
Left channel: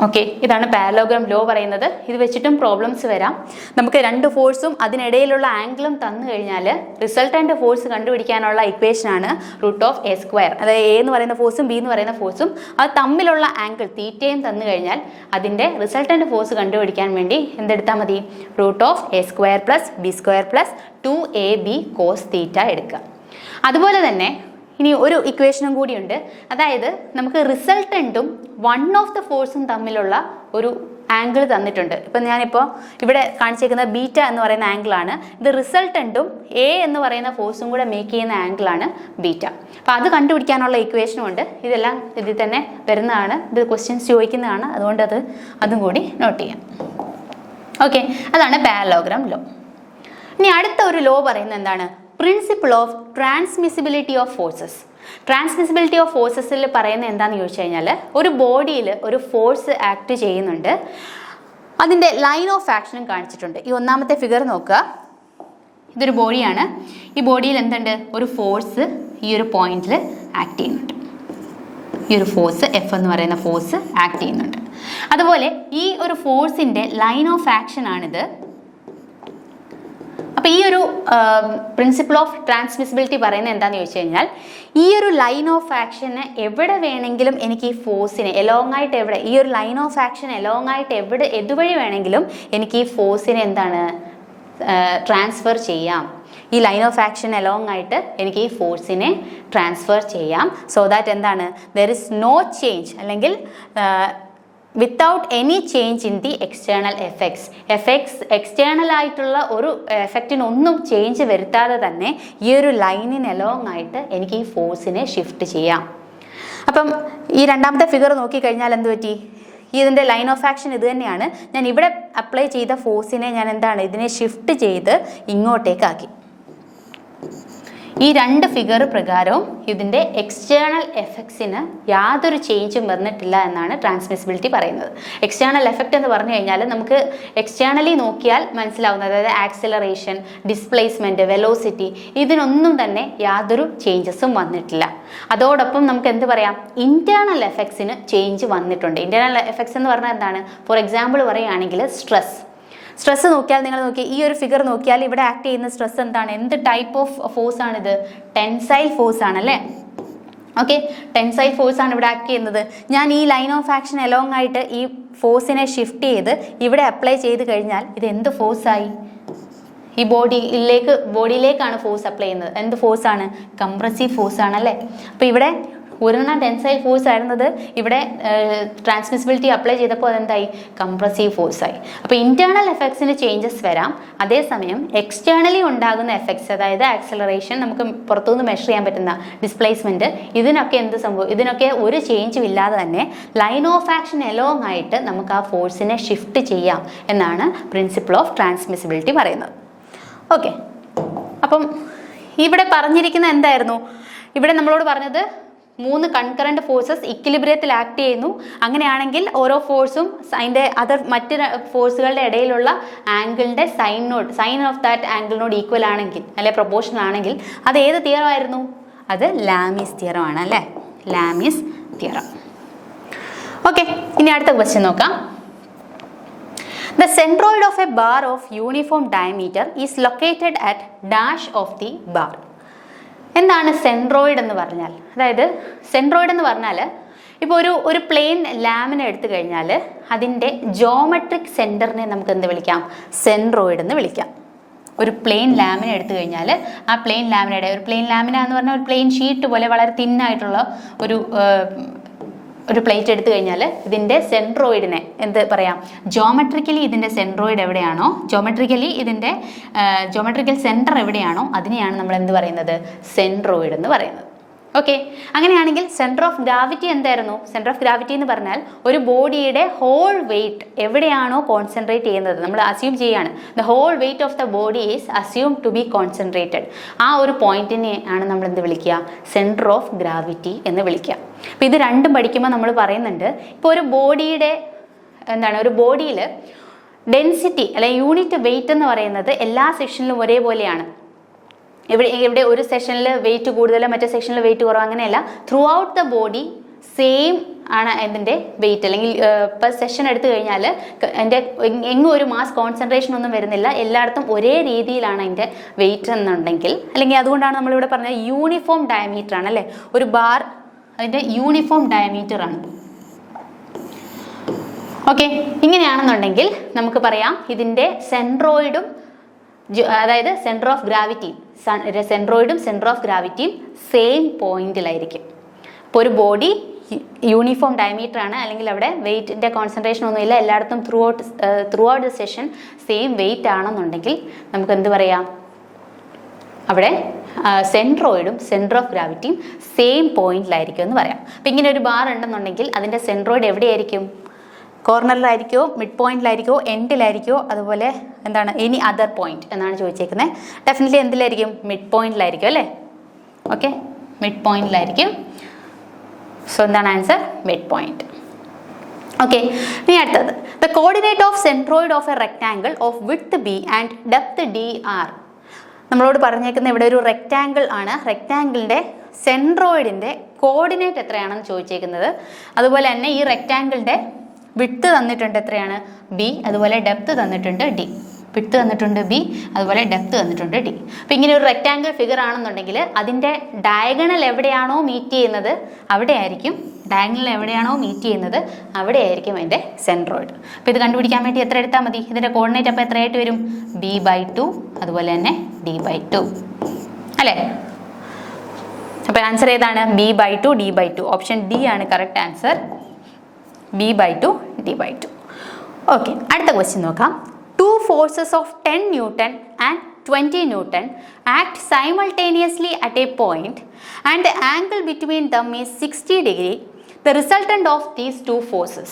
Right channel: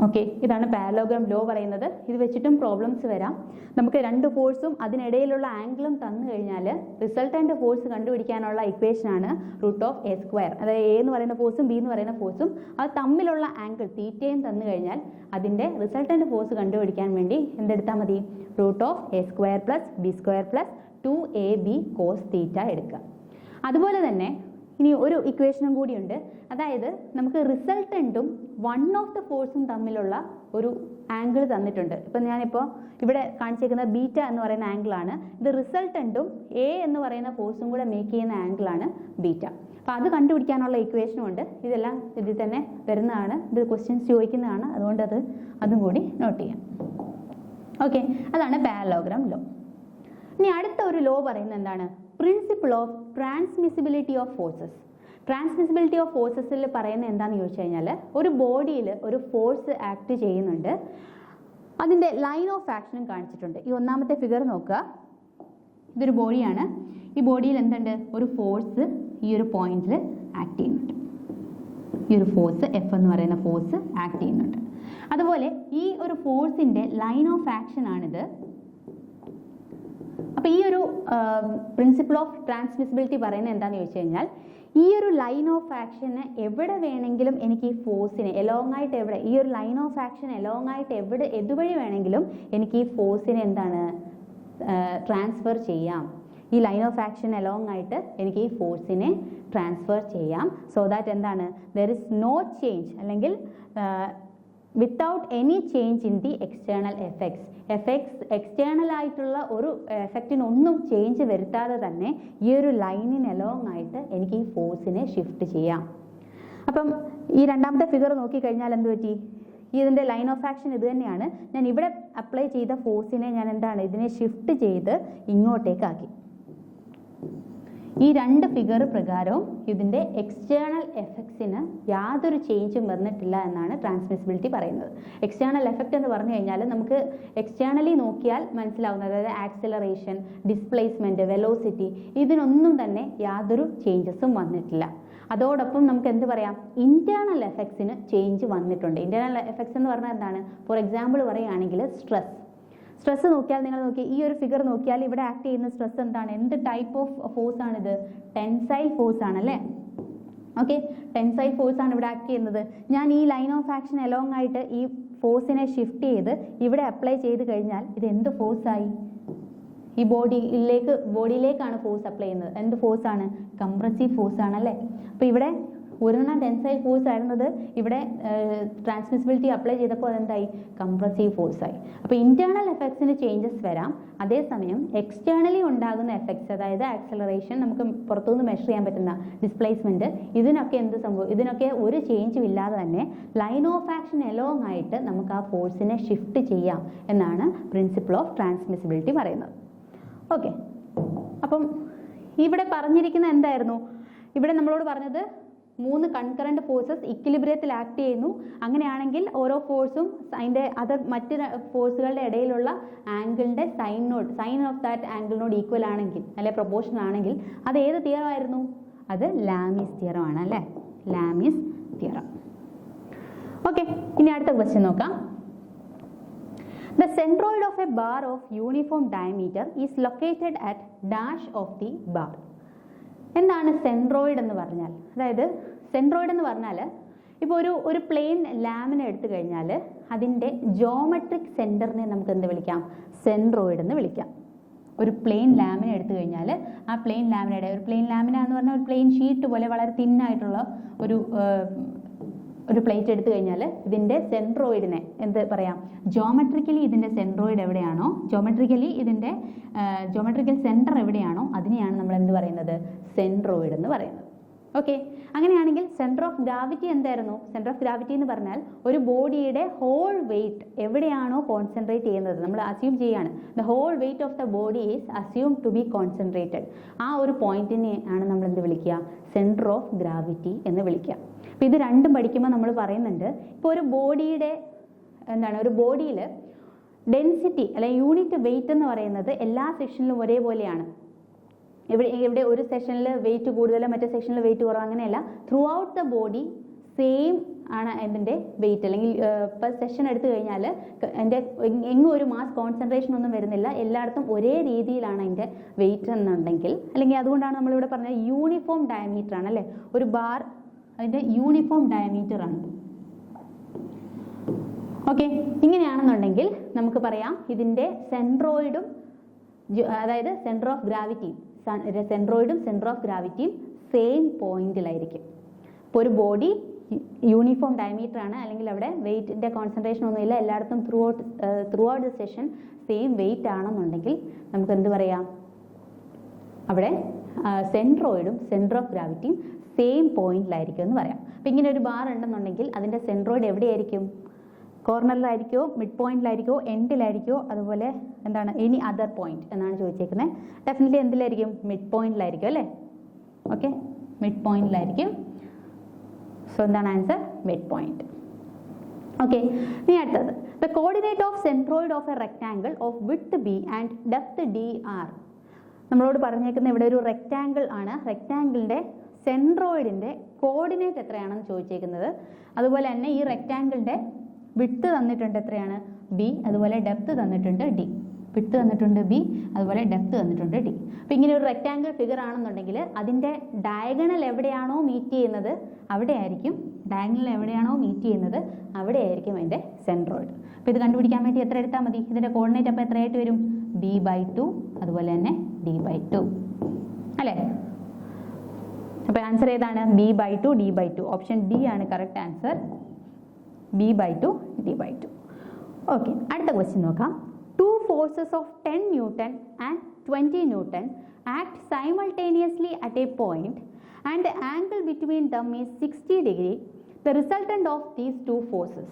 ഓക്കെ, ഇതാണ് പാരലോഗ്രാം ലോ പറയുന്നത്. ഇത് വെച്ചിട്ടും പ്രോബ്ലംസ് വരാം. നമുക്ക് രണ്ട് ഫോഴ്സും അതിനിടയിലുള്ള ആംഗിളും തന്നു കഴിഞ്ഞാൽ റിസൾട്ടൻ്റ് ഫോഴ്സ് കണ്ടുപിടിക്കാനുള്ള ഇക്വേഷനാണ് √A². അതായത് A എന്ന് പറയുന്ന ഫോഴ്സും B എന്ന് പറയുന്ന ഫോഴ്സും അത് തമ്മിലുള്ള ആംഗിൾ തീറ്റയും തന്നു കഴിഞ്ഞാൽ അതിൻ്റെ റിസൾട്ടൻ്റ് ഫോഴ്സ് കണ്ടുപിടിക്കാൻ വേണ്ടി എന്തെടുത്താൽ മതി? √A² plus B² plus 2AB cos θ എടുക്കുക. അതുപോലെ തന്നെ ഇനി ഒരു ഇക്വേഷനും കൂടിയുണ്ട്. അതായത് നമുക്ക് റിസൾട്ടൻറ്റും വൺ ഓഫ് ദ ഫോഴ്സും തമ്മിലുള്ള ഒരു ആംഗിൾ തന്നിട്ടുണ്ട്. ഇപ്പം ഞാനിപ്പോൾ ഇവിടെ കാണിച്ചേക്കുന്ന ബീറ്റ എന്ന് പറയുന്ന ആംഗിളാണ്. ഇത് റിസൾട്ടൻറ്റും A എന്ന് പറയുന്ന ഫോഴ്സും കൂടെ മേക്ക് ചെയ്യുന്ന ആംഗിളാണ് ബീറ്റ. അപ്പോൾ അത് കണ്ടുപിടിക്കാനുള്ള ഇക്വേഷനും ഉണ്ട്. ഇതെല്ലാം ഇതിൽ തന്നെ വരുന്നതാണ്. ഇത് ക്വസ്റ്റ്യൻസ് ചോദിക്കുന്നതാണ്. അതുകൊണ്ട് അതും കൂടി നോട്ട് ചെയ്യാം. ഓക്കെ, അതാണ് പാരലോഗ്രാം ലോ. ഇനി അടുത്ത ഒരു ലോ പറയുന്നത് എന്താണ്? Principle of transmissibility of forces. Transmissibility of ഫോഴ്സസിൽ പറയുന്നത് എന്താണെന്ന് ചോദിച്ചു കഴിഞ്ഞാൽ, ഒരു ബോഡിയിൽ ഒരു ഫോഴ്സ് ആക്ട് ചെയ്യുന്നുണ്ട്, അതിൻ്റെ ലൈൻ ഓഫ് ആക്ഷനും കാണിച്ചിട്ടുണ്ട്. ഈ ഒന്നാമത്തെ ഫിഗർ നോക്കുക. ഇതൊരു ബോഡിയാണ്. ഈ ബോഡിയിൽ എന്തുണ്ട്? ഒരു ഫോഴ്സ് ഈ ഒരു പോയിന്റിൽ ആക്ട് ചെയ്യുന്നുണ്ട്. ഈ ഒരു ഫോഴ്സ് എഫ് എന്ന് പറയുന്ന ഫോഴ്സ് ആക്ട് ചെയ്യുന്നുണ്ട്. അതുപോലെ ഈ ഒരു ഫോഴ്സിൻ്റെ ലൈൻ ഓഫ് ആക്ഷൻ ആണിത്. അപ്പോൾ ഈ ഒരു പ്രിൻസിപ്പിൾ ഓഫ് ട്രാൻസ്മിസിബിലിറ്റി പറയുന്നത് എന്താണെന്ന് ചോദിച്ചു കഴിഞ്ഞാൽ, ഈ ഒരു ലൈൻ ഓഫ് ആക്ഷന് എവിടെ വേണമെങ്കിലും എനിക്ക് ഈ ഫോഴ്സിനെ എലോങ് ആയിട്ട് ഈ ഒരു ലൈൻ ഓഫ് ആക്ഷൻ എലോങ് ആയിട്ട് എതുവഴി വേണമെങ്കിലും എനിക്ക് ഈ ഫോഴ്സിനെ എന്താണ് ട്രാൻസ്ഫർ ചെയ്യാം. ഈ ലൈൻ ഓഫ് ആക്ഷൻ എലോങ് ആയിട്ട് എനിക്ക് ഈ ഫോഴ്സിനെ ട്രാൻസ്ഫർ ചെയ്യാം. സോ ദാറ്റ് എന്താണ്, ദർ ഇസ് നോ ചേഞ്ച്, അല്ലെങ്കിൽ without any change in the external effects external ആയിട്ടുള്ള ഒരു എഫക്റ്റിനൊന്നും ചേഞ്ച് വരുത്താതെ തന്നെ ഈ ഒരു ലൈനിന് എലോങ് ആയിട്ട് എനിക്ക് ഈ ഫോഴ്സിനെ ഷിഫ്റ്റ് ചെയ്യാം. അപ്പം ഈ രണ്ടാമത്തെ ഫിഗർ നോക്കിക്കഴിഞ്ഞാൽ എന്ത് പറ്റി? ഇതിൻ്റെ ലൈൻ ഓഫ് ആക്ഷൻ ഇത് തന്നെയാണ്. ഞാൻ ഇവിടെ അപ്ലൈ ചെയ്ത ഫോഴ്സിനെ ഞാൻ ഇതിനെ ഷിഫ്റ്റ് ചെയ്ത് ഇങ്ങോട്ടേക്കാക്കി. ഈ രണ്ട് ഫിഗർ പ്രകാരവും ഇതിൻ്റെ എക്സ്റ്റേണൽ എഫക്ട്സിന് യാതൊരു ചേഞ്ചും വന്നിട്ടില്ല എന്നാണ് ട്രാൻസ്മിസിബിലിറ്റി പറയുന്നത്. എക്സ്റ്റേണൽ എഫക്റ്റ് എന്ന് പറഞ്ഞു കഴിഞ്ഞാൽ നമുക്ക് എക്സ്റ്റേണലി നോക്കിയാൽ മനസ്സിലാവുന്നത്, അതായത് ആക്സിലറേഷൻ, ഡിസ്പ്ലേസ്മെൻറ്റ്, വെലോസിറ്റി, ഇതിനൊന്നും തന്നെ യാതൊരു ചേഞ്ചസും വന്നിട്ടില്ല. അതോടൊപ്പം നമുക്ക് എന്ത് പറയാം, ഇൻറ്റേർണൽ എഫക്ട്സിന് ചേഞ്ച് വന്നിട്ടുണ്ട്. ഇൻറ്റേർണൽ എഫക്ട്സ് എന്ന് പറഞ്ഞാൽ എന്താണ്? ഫോർ എക്സാമ്പിൾ പറയുകയാണെങ്കിൽ സ്ട്രെസ് നോക്കിയാൽ, നിങ്ങൾ നോക്കി ഈ ഒരു ഫിഗർ നോക്കിയാൽ ഇവിടെ ആക്ട് ചെയ്യുന്ന സ്ട്രെസ് എന്താണ്? എന്ത് ടൈപ്പ് ഓഫ് ഫോഴ്സ് ആണിത്? ടെൻസൈൽ ഫോഴ്സ് ആണല്ലേ. ഓക്കെ, ടെൻസൈൽ ഫോഴ്സ് ആണ് ഇവിടെ ആക്ട് ചെയ്യുന്നത്. ഞാൻ ഈ ലൈൻ ഓഫ് ആക്ഷൻ എലോങ് ആയിട്ട് ഈ ഫോഴ്സിനെ ഷിഫ്റ്റ് ചെയ്ത് ഇവിടെ അപ്ലൈ ചെയ്ത് കഴിഞ്ഞാൽ ഇത് എന്ത് ഫോഴ്സായി? ഈ ബോഡിയിലേക്കാണ് ഫോഴ്സ് അപ്ലൈ ചെയ്യുന്നത്. എന്ത് ഫോഴ്സാണ്? കംപ്രസീവ് ഫോഴ്സ് ആണല്ലേ. അപ്പോൾ ഇവിടെ ഒരെണ്ണം ടെൻസൈൽ ഫോഴ്സ് ആയിരുന്നത്, ഇവിടെ ട്രാൻസ്മിസിബിലിറ്റി അപ്ലൈ ചെയ്തപ്പോൾ അതെന്തായി? കംപ്രസീവ് ഫോഴ്സായി. അപ്പോൾ ഇൻറ്റേർണൽ എഫക്ട്സിന് ചേഞ്ചസ് വരാം. അതേസമയം എക്സ്റ്റേണലി ഉണ്ടാകുന്ന എഫക്ട്സ്, അതായത് ആക്സിലറേഷൻ, നമുക്ക് പുറത്തുനിന്ന് മെഷർ ചെയ്യാൻ പറ്റുന്ന ഡിസ്പ്ലേസ്മെൻറ്റ്, ഇതിനൊക്കെ ഒരു ചേഞ്ചും ഇല്ലാതെ തന്നെ ലൈൻ ഓഫ് ആക്ഷൻ എലോങ് ആയിട്ട് നമുക്ക് ആ ഫോഴ്സിനെ ഷിഫ്റ്റ് ചെയ്യാം എന്നാണ് പ്രിൻസിപ്പിൾ ഓഫ് ട്രാൻസ്മിസിബിലിറ്റി പറയുന്നത്. ഓക്കെ, അപ്പം ഇവിടെ പറഞ്ഞിരിക്കുന്ന എന്തായിരുന്നു? ഇവിടെ നമ്മളോട് പറഞ്ഞത് 3 കൺകറന്റ് ഫോഴ്സസ് ഇക്വിലിബ്രിയത്തിൽ ആക്ട് ചെയ്യുന്നു. അങ്ങനെയാണെങ്കിൽ ഓരോ ഫോഴ്സും അതിൻ്റെ മറ്റ് ഫോഴ്സുകളുടെ ഇടയിലുള്ള ആംഗിളിൻ്റെ സൈൻ ഓഫ് ദാറ്റ് ആംഗിളിനോട് ഈക്വൽ ആണെങ്കിൽ, അല്ലെ പ്രൊപ്പോർഷണൽ ആണെങ്കിൽ, അത് ഏത് തിയറം ആയിരുന്നു? അത് ലാമീസ് തിയറം ആണ് അല്ലേ, ലാമീസ് തിയറം. ഓക്കെ, ഇനി അടുത്ത ക്വസ്റ്റ്യൻ നോക്കാം. The centroid of a bar of uniform diameter is located at dash of the bar. എന്താണ് സെൻട്രോയിഡ് എന്ന് പറഞ്ഞാൽ? അതായത് സെൻട്രോയിഡ് എന്ന് പറഞ്ഞാൽ ഇപ്പോൾ ഒരു പ്ലെയിൻ ലാമിന എടുത്തു കഴിഞ്ഞാൽ അതിൻ്റെ ജോമെട്രിക് സെൻറ്ററിനെ നമുക്ക് എന്ത് വിളിക്കാം? സെൻട്രോയിഡ് എന്ന് വിളിക്കാം. ഒരു പ്ലെയിൻ ലാമിന എടുത്തു കഴിഞ്ഞാൽ ആ പ്ലെയിൻ ലാമിനയുടെ, ഒരു പ്ലെയിൻ ലാമിന എന്ന് പറഞ്ഞാൽ ഒരു പ്ലെയിൻ ഷീറ്റ് പോലെ വളരെ തിന്നായിട്ടുള്ള ഒരു പ്ലേറ്റ് എടുത്തു കഴിഞ്ഞാൽ ഇതിൻ്റെ സെൻട്രോയിഡിനെ എന്ത് പറയാം? ജോമെട്രിക്കലി ഇതിൻ്റെ സെൻട്രോയിഡ് എവിടെയാണോ, ജോമെട്രിക്കൽ സെൻറ്റർ എവിടെയാണോ അതിനെയാണ് നമ്മൾ എന്ത് പറയുന്നത്? സെൻട്രോയിഡ് എന്ന് പറയുന്നത്. ഓക്കെ, അങ്ങനെയാണെങ്കിൽ സെൻറ്റർ ഓഫ് ഗ്രാവിറ്റി എന്തായിരുന്നു? സെൻറ്റർ ഓഫ് ഗ്രാവിറ്റി എന്ന് പറഞ്ഞാൽ ഒരു ബോഡിയുടെ ഹോൾ വെയിറ്റ് എവിടെയാണോ കോൺസെൻട്രേറ്റ് ചെയ്യുന്നത്, നമ്മൾ അസ്യൂം ചെയ്യാണ് the whole weight of the body is assume to be concentrated. ആ ഒരു പോയിന്റിനെ ആണ് നമ്മൾ എന്ത് വിളിക്കുക? സെൻറ്റർ ഓഫ് ഗ്രാവിറ്റി എന്ന് വിളിക്കുക. അപ്പോൾ ഇത് രണ്ടും പഠിക്കുമ്പോൾ നമ്മൾ പറയുന്നുണ്ട്, ഇപ്പോൾ ഒരു ബോഡിയുടെ ഒരു ബോഡിയിൽ ഡെൻസിറ്റി അല്ലെങ്കിൽ യൂണിറ്റ് വെയിറ്റ് എന്ന് പറയുന്നത് എല്ലാ സെക്ഷനിലും ഒരേപോലെയാണ്. ഇവിടെ ഒരു സെക്ഷനിൽ വെയിറ്റ് കൂടുതൽ, മറ്റേ സെക്ഷനിൽ വെയിറ്റ് കുറവ്, അങ്ങനെയല്ല. Through out the body same ആണ് ഇതിൻ്റെ വെയിറ്റ്. അല്ലെങ്കിൽ ഇപ്പോൾ സെഷൻ എടുത്തു കഴിഞ്ഞാൽ എങ്ങും ഒരു മാസ് കോൺസെൻട്രേഷൻ ഒന്നും വരുന്നില്ല, എല്ലായിടത്തും ഒരേ രീതിയിലാണ് അതിൻ്റെ വെയിറ്റ് എന്നുണ്ടെങ്കിൽ, അല്ലെങ്കിൽ അതുകൊണ്ടാണ് നമ്മളിവിടെ പറഞ്ഞത് യൂണിഫോം ഡയമീറ്റർ ആണ് അല്ലേ. ഒരു ബാർ അതിൻ്റെ യൂണിഫോം ഡയമീറ്റർ ആണ്. ഓക്കെ, ഇങ്ങനെയാണെന്നുണ്ടെങ്കിൽ നമുക്ക് പറയാം ഇതിൻ്റെ സെൻട്രോയിഡും, അതായത് സെൻറ്റർ ഓഫ് ഗ്രാവിറ്റിയും സെൻറ്റർ ഓഫ് ഗ്രാവിറ്റിയും സെയിം പോയിന്റിലായിരിക്കും. അപ്പോൾ ഒരു ബോഡി യൂണിഫോം ഡയമീറ്റർ ആണ്, അല്ലെങ്കിൽ അവിടെ വെയിറ്റിൻ്റെ കോൺസെൻട്രേഷൻ ഒന്നുമില്ല, എല്ലായിടത്തും through out the session same wait ആണെന്നുണ്ടെങ്കിൽ നമുക്ക് എന്ത് പറയാം? അവിടെ സെൻട്രോയിഡും സെൻറ്റർ ഓഫ് ഗ്രാവിറ്റിയും സെയിം പോയിന്റിലായിരിക്കും എന്ന് പറയാം. അപ്പം ഇങ്ങനെ ഒരു ബാർ ഉണ്ടെന്നുണ്ടെങ്കിൽ അതിൻ്റെ സെൻട്രോയിഡ് എവിടെയായിരിക്കും? കോർണറിലായിരിക്കോ, മിഡ് പോയിന്റിലായിരിക്കോ, എൻഡിലായിരിക്കോ, അതുപോലെ എനി അതർ പോയിന്റ് എന്നാണ് ചോദിച്ചേക്കുന്നത്. ഡെഫിനറ്റ്ലി എന്തിലായിരിക്കും? മിഡ് പോയിന്റിലായിരിക്കും അല്ലേ. ഓക്കെ, മിഡ് പോയിന്റിലായിരിക്കും. സോ എന്താണ് ആൻസർ? Mid point. ഓക്കെ, ഇനി അടുത്തത് the coordinate of centroid of a rectangle of width b and depth d are. നമ്മളോട് പറഞ്ഞേക്കുന്ന ഇവിടെ ഒരു റെക്ടാങ്കിൾ ആണ്. റെക്ടാങ്കിളിൻ്റെ സെൻട്രോയിഡിൻ്റെ കോർഡിനേറ്റ് എത്രയാണെന്ന് ചോദിച്ചേക്കുന്നത്. അതുപോലെ തന്നെ ഈ റെക്ടാങ്കിളിൻ്റെ വിഡ്ത്ത് തന്നിട്ടുണ്ട് എത്രയാണ്? ബി. അതുപോലെ ഡെപ്ത് തന്നിട്ടുണ്ട് ഡി. വിഡ്ത്ത് തന്നിട്ടുണ്ട് ബി, അതുപോലെ ഡെപ്ത് തന്നിട്ടുണ്ട് ഡി. അപ്പോൾ ഇങ്ങനെ ഒരു റെക്ടാങ്കിൾ ഫിഗർ ആണെന്നുണ്ടെങ്കിൽ അതിൻ്റെ ഡയഗണൽ എവിടെയാണോ മീറ്റ് ചെയ്യുന്നത് അവിടെയായിരിക്കും അവിടെയായിരിക്കും അതിൻ്റെ സെൻട്രോയിഡ്. അപ്പോൾ ഇത് കണ്ടുപിടിക്കാൻ വേണ്ടി എത്ര എടുത്താൽ മതി? ഇതിൻ്റെ കോർഡിനേറ്റ് അപ്പോൾ എത്രയായിട്ട് വരും? b/2 അതുപോലെ തന്നെ d/2 അല്ലേ? അപ്പോൾ ആൻസർ ഏതാണ്? b/2 d/2. ഓപ്ഷൻ ഡി ആണ് correct answer. b/2 d/2. Okay, അടുത്ത ക്വസ്റ്റ്യൻ നോക്കാം. Two forces of 10 Newton and 20 Newton act simultaneously at a point and the angle between them is 60 degree. The resultant of these two forces.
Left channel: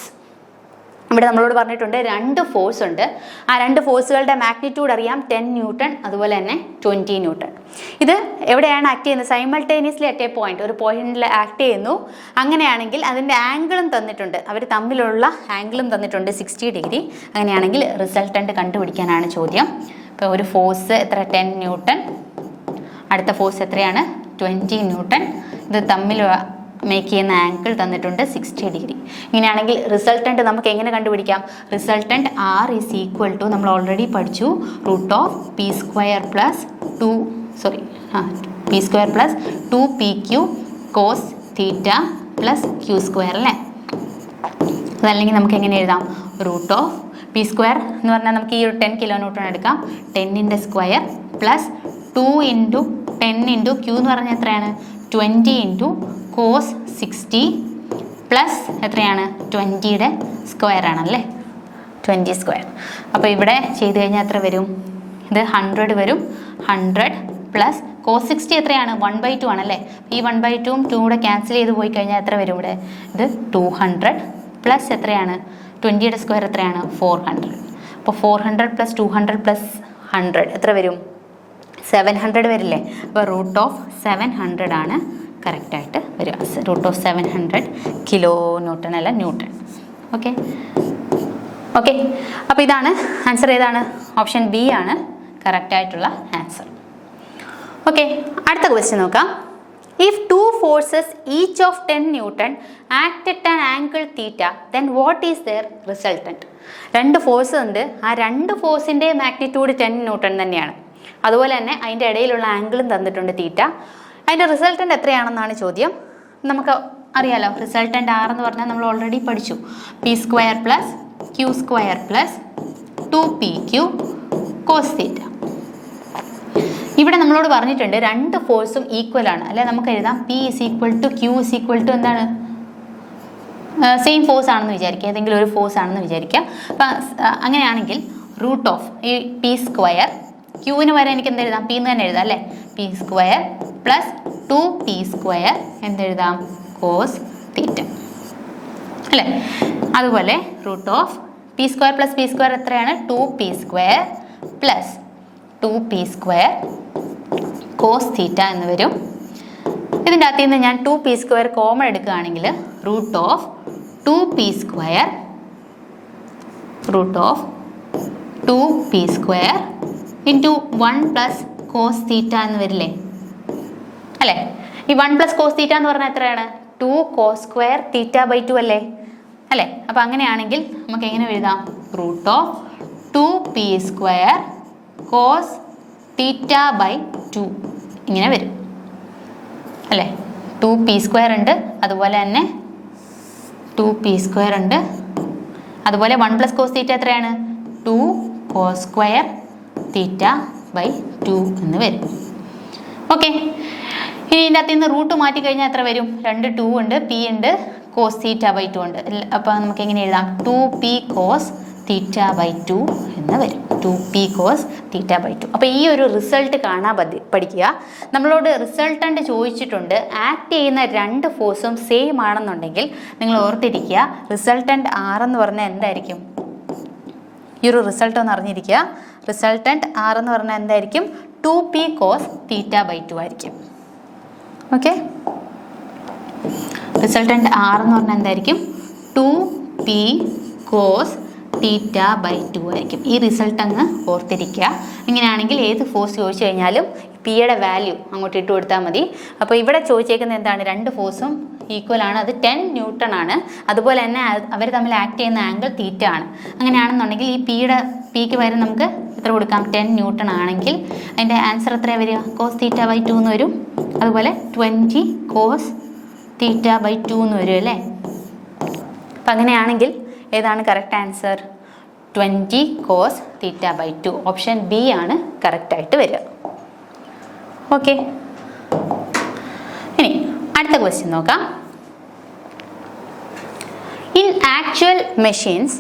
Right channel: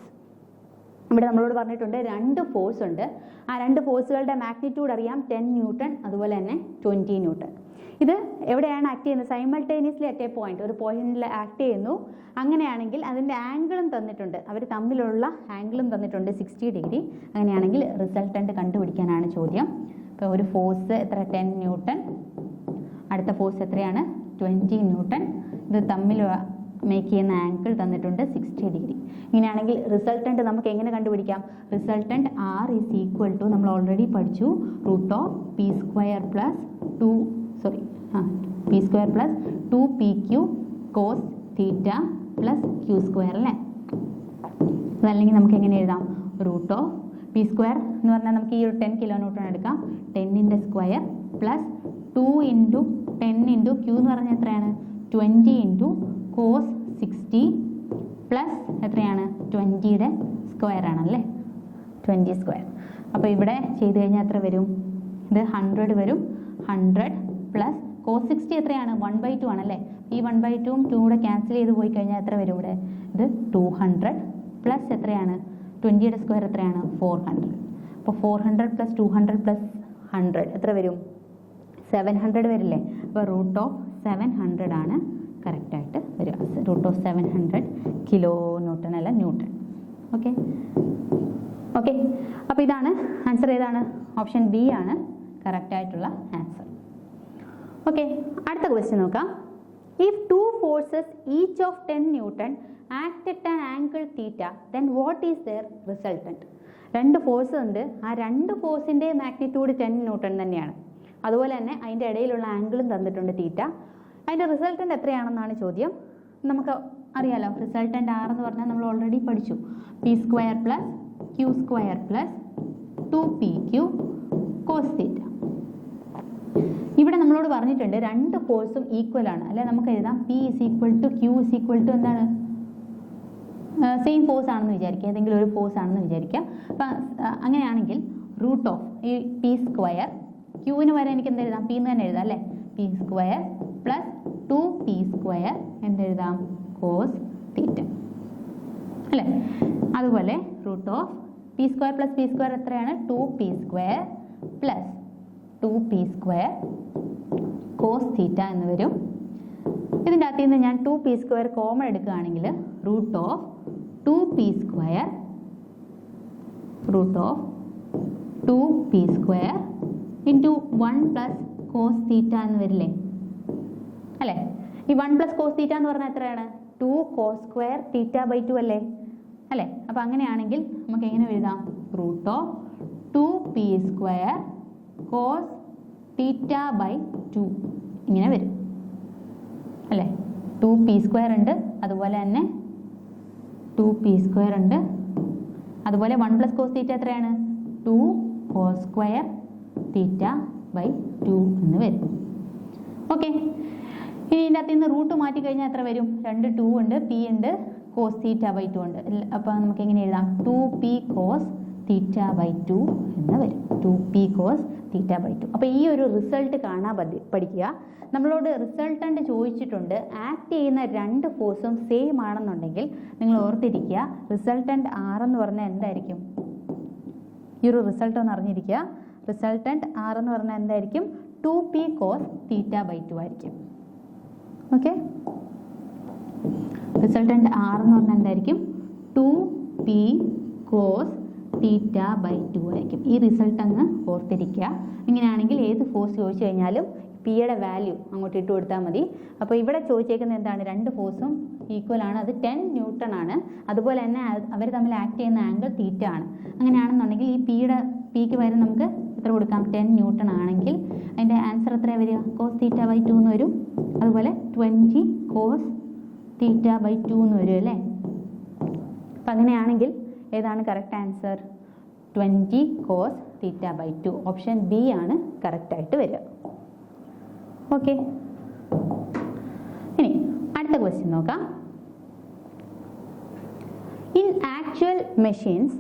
ഇവിടെ നമ്മളോട് പറഞ്ഞിട്ടുണ്ട് രണ്ട് force ഉണ്ട്. ആ രണ്ട് ഫോഴ്സുകളുടെ മാഗ്നിറ്റ്യൂഡ് അറിയാം, 10 ന്യൂട്ടൺ അതുപോലെ തന്നെ 20 ന്യൂട്ടൺ. ഇത് എവിടെയാണ് ആക്ട് ചെയ്യുന്നത്? സൈമൾട്ടേനിയസ്ലി അറ്റ് എ പോയിന്റ്, ഒരു പോയിന്റിൽ ആക്ട് ചെയ്യുന്നു. അങ്ങനെയാണെങ്കിൽ അതിൻ്റെ ആംഗിളും തന്നിട്ടുണ്ട്, അവർ തമ്മിലുള്ള ആംഗിളും തന്നിട്ടുണ്ട് 60 ഡിഗ്രി. അങ്ങനെയാണെങ്കിൽ റിസൾട്ടൻ്റ് കണ്ടുപിടിക്കാനാണ് ചോദ്യം. ഇപ്പോൾ ഒരു ഫോഴ്സ് എത്ര? 10 ന്യൂട്ടൺ. അടുത്ത ഫോഴ്സ് എത്രയാണ്? 20 ന്യൂട്ടൺ. ഇത് തമ്മിൽ മേക്ക് ചെയ്യുന്ന ആംഗിൾ തന്നിട്ടുണ്ട് 60 ഡിഗ്രി. ഇങ്ങനെയാണെങ്കിൽ റിസൾട്ടൻ്റ് നമുക്ക് എങ്ങനെ കണ്ടുപിടിക്കാം? Resultant R is equal to, നമ്മൾ ഓൾറെഡി പഠിച്ചു, p² + 2pq cos θ + q² അല്ലേ? അതല്ലെങ്കിൽ നമുക്ക് എങ്ങനെ എഴുതാം? p² എന്ന് പറഞ്ഞാൽ നമുക്ക് ഈ ഒരു 10 കിലോ ന്യൂട്ടൺ എടുക്കാം. 10ൻ്റെ സ്ക്വയർ പ്ലസ് 2 × 10 × q എന്ന് പറഞ്ഞാൽ എത്രയാണ്? 20 × cos 60 പ്ലസ് എത്രയാണ്? 20യുടെ സ്ക്വയർ ആണല്ലേ, 20². അപ്പോൾ ഇവിടെ ചെയ്ത് കഴിഞ്ഞാൽ എത്ര വരും? ഇത് 100 വരും. 100 പ്ലസ് cos 60 എത്രയാണ്? 1/2 ആണല്ലേ. ഈ 1/2 2 കൂടെ ക്യാൻസൽ ചെയ്ത് പോയി കഴിഞ്ഞാൽ എത്ര വരും? ഇവിടെ ഇത് 200 പ്ലസ് എത്രയാണ്? 20യുടെ സ്ക്വയർ എത്രയാണ്? 400. അപ്പോൾ 400 + 200 + 100 എത്ര വരും? 700 വരില്ലേ? അപ്പോൾ √700 ആണ് കറക്റ്റായിട്ട് വരിക. √700 കിലോ ന്യൂട്ടൺ അല്ല ന്യൂട്ടൺ. ഓക്കെ, അപ്പോൾ ഇതാണ് ആൻസർ. ഏതാണ്? ഓപ്ഷൻ ബി ആണ് കറക്റ്റായിട്ടുള്ള ആൻസർ. ഓക്കെ, അടുത്ത ക്വസ്റ്റ്യൻ നോക്കാം. If 2 forces each of 10 Newton act at an angle theta, then what is their resultant? രണ്ട് ഫോഴ്സ് ഉണ്ട്. ആ രണ്ട് ഫോഴ്സിൻ്റെ മാഗ്നിറ്റ്യൂഡ് 10 ന്യൂട്ടൺ തന്നെയാണ്. അതുപോലെ തന്നെ അതിൻ്റെ ഇടയിലുള്ള ആംഗിളും തന്നിട്ടുണ്ട് തീറ്റ. അതിൻ്റെ റിസൾട്ടൻ്റ് എത്രയാണെന്നാണ് ചോദ്യം. നമുക്ക് അറിയാലോ, റിസൾട്ടൻ്റ് ആർ എന്ന് പറഞ്ഞാൽ നമ്മൾ ഓൾറെഡി പഠിച്ചു, p² + q² + 2pq cos θ. ഇവിടെ നമ്മളോട് പറഞ്ഞിട്ടുണ്ട് രണ്ട് ഫോഴ്സും ഈക്വൽ ആണ് അല്ലെ? നമുക്ക് എഴുതാം p = q = എന്താണ്? സെയിം ഫോഴ്സ് ആണെന്ന് വിചാരിക്കുക, ഏതെങ്കിലും ഒരു ഫോഴ്സ് ആണെന്ന് വിചാരിക്കുക. അപ്പം അങ്ങനെയാണെങ്കിൽ ഈ p², ക്യൂവിന് വരെ എനിക്ക് എന്തെഴുതാം? p എന്ന് തന്നെ എഴുതാം അല്ലേ? p² + 2p² എന്തെഴുതാം? cos θ അല്ലേ? അതുപോലെ p² + p² എത്രയാണ്? 2p² + 2p² cos θ എന്ന് വരും. ഇതിൻ്റെ അകത്ത് നിന്ന് ഞാൻ 2p² കോമൺ എടുക്കുകയാണെങ്കിൽ √2p² × 1 + cos θ എന്ന് വരില്ലേ അല്ലേ? ഈ 1 + cos θ എന്ന് പറഞ്ഞാൽ എത്രയാണ്? 2 cos² θ/2 അല്ലേ? അപ്പോൾ അങ്ങനെയാണെങ്കിൽ നമുക്ക് എങ്ങനെ എഴുതാം? √2p² cos θ/2 ഇങ്ങനെ വരും അല്ലേ? 2p² ഉണ്ട്, അതുപോലെ തന്നെ 2p² ഉണ്ട്, അതുപോലെ 1 + cos θ എത്രയാണ്? 2 cos² θ/2 എന്ന് വരും. ഓക്കെ, ഇനി ഇതിൻ്റെ അകത്ത് നിന്ന് റൂട്ട് മാറ്റി കഴിഞ്ഞാൽ എത്ര വരും? 2 2 ഉണ്ട്, p ഉണ്ട്, cos θ/2 ഉണ്ട്. അപ്പോൾ നമുക്ക് എങ്ങനെ എഴുതാം? 2p cos θ/2 എന്ന് വരും. 2p cos θ/2. അപ്പോൾ ഈ ഒരു റിസൾട്ട് കാണാൻ പഠിക്കുക. നമ്മളോട് റിസൾട്ടൻ്റ് ചോദിച്ചിട്ടുണ്ട്. ആക്ട് ചെയ്യുന്ന രണ്ട് ഫോഴ്സും സെയിം ആണെന്നുണ്ടെങ്കിൽ നിങ്ങൾ ഓർത്തിരിക്കുക, റിസൾട്ടൻ്റ് ആർ എന്ന് പറഞ്ഞാൽ എന്തായിരിക്കും? ഈ ഒരു റിസൾട്ട് ഒന്ന് അറിഞ്ഞിരിക്കുക. റിസൾട്ടൻ്റ് ആർ എന്ന് പറഞ്ഞാൽ എന്തായിരിക്കും? 2p cos θ/2 ആയിരിക്കും. ഓക്കെ, റിസൾട്ടൻ്റ് ആർ എന്ന് പറഞ്ഞാൽ എന്തായിരിക്കും? 2p കോസ് തീറ്റ ബൈ 2 ആയിരിക്കും. ഈ റിസൾട്ട് അങ്ങ് ഓർത്തിരിക്കുക. ഇങ്ങനെയാണെങ്കിൽ ഏത് ഫോഴ്സ് ചോദിച്ചു കഴിഞ്ഞാലും പിയുടെ വാല്യൂ അങ്ങോട്ട് ഇട്ട് കൊടുത്താൽ മതി. അപ്പോൾ ഇവിടെ ചോദിച്ചേക്കുന്നത് എന്താണ്? രണ്ട് ഫോഴ്സും ഈക്വൽ ആണ്, അത് 10 ന്യൂട്ടൺ ആണ്. അതുപോലെ തന്നെ അവർ തമ്മിൽ ആക്ട് ചെയ്യുന്ന ആംഗിൾ തീറ്റ ആണ്. അങ്ങനെയാണെന്നുണ്ടെങ്കിൽ ഈ പിക്ക് പകരം നമുക്ക് എത്ര കൊടുക്കാം? 10 ന്യൂട്ടൺ ആണെങ്കിൽ അതിൻ്റെ ആൻസർ എത്രയാണ് വരിക? കോസ് തീറ്റ ബൈ 2 എന്ന് വരും. അതുപോലെ 20 കോസ് തീറ്റ ബൈ 2 എന്ന് വരും അല്ലേ? അപ്പം അങ്ങനെയാണെങ്കിൽ ഏതാണ് correct answer? 20 cos theta by 2. Option B ആണ് കറക്റ്റായിട്ട് വരിക. ഓക്കെ, ഇനി അടുത്ത ക്വസ്റ്റ്യൻ നോക്കാം. In actual machines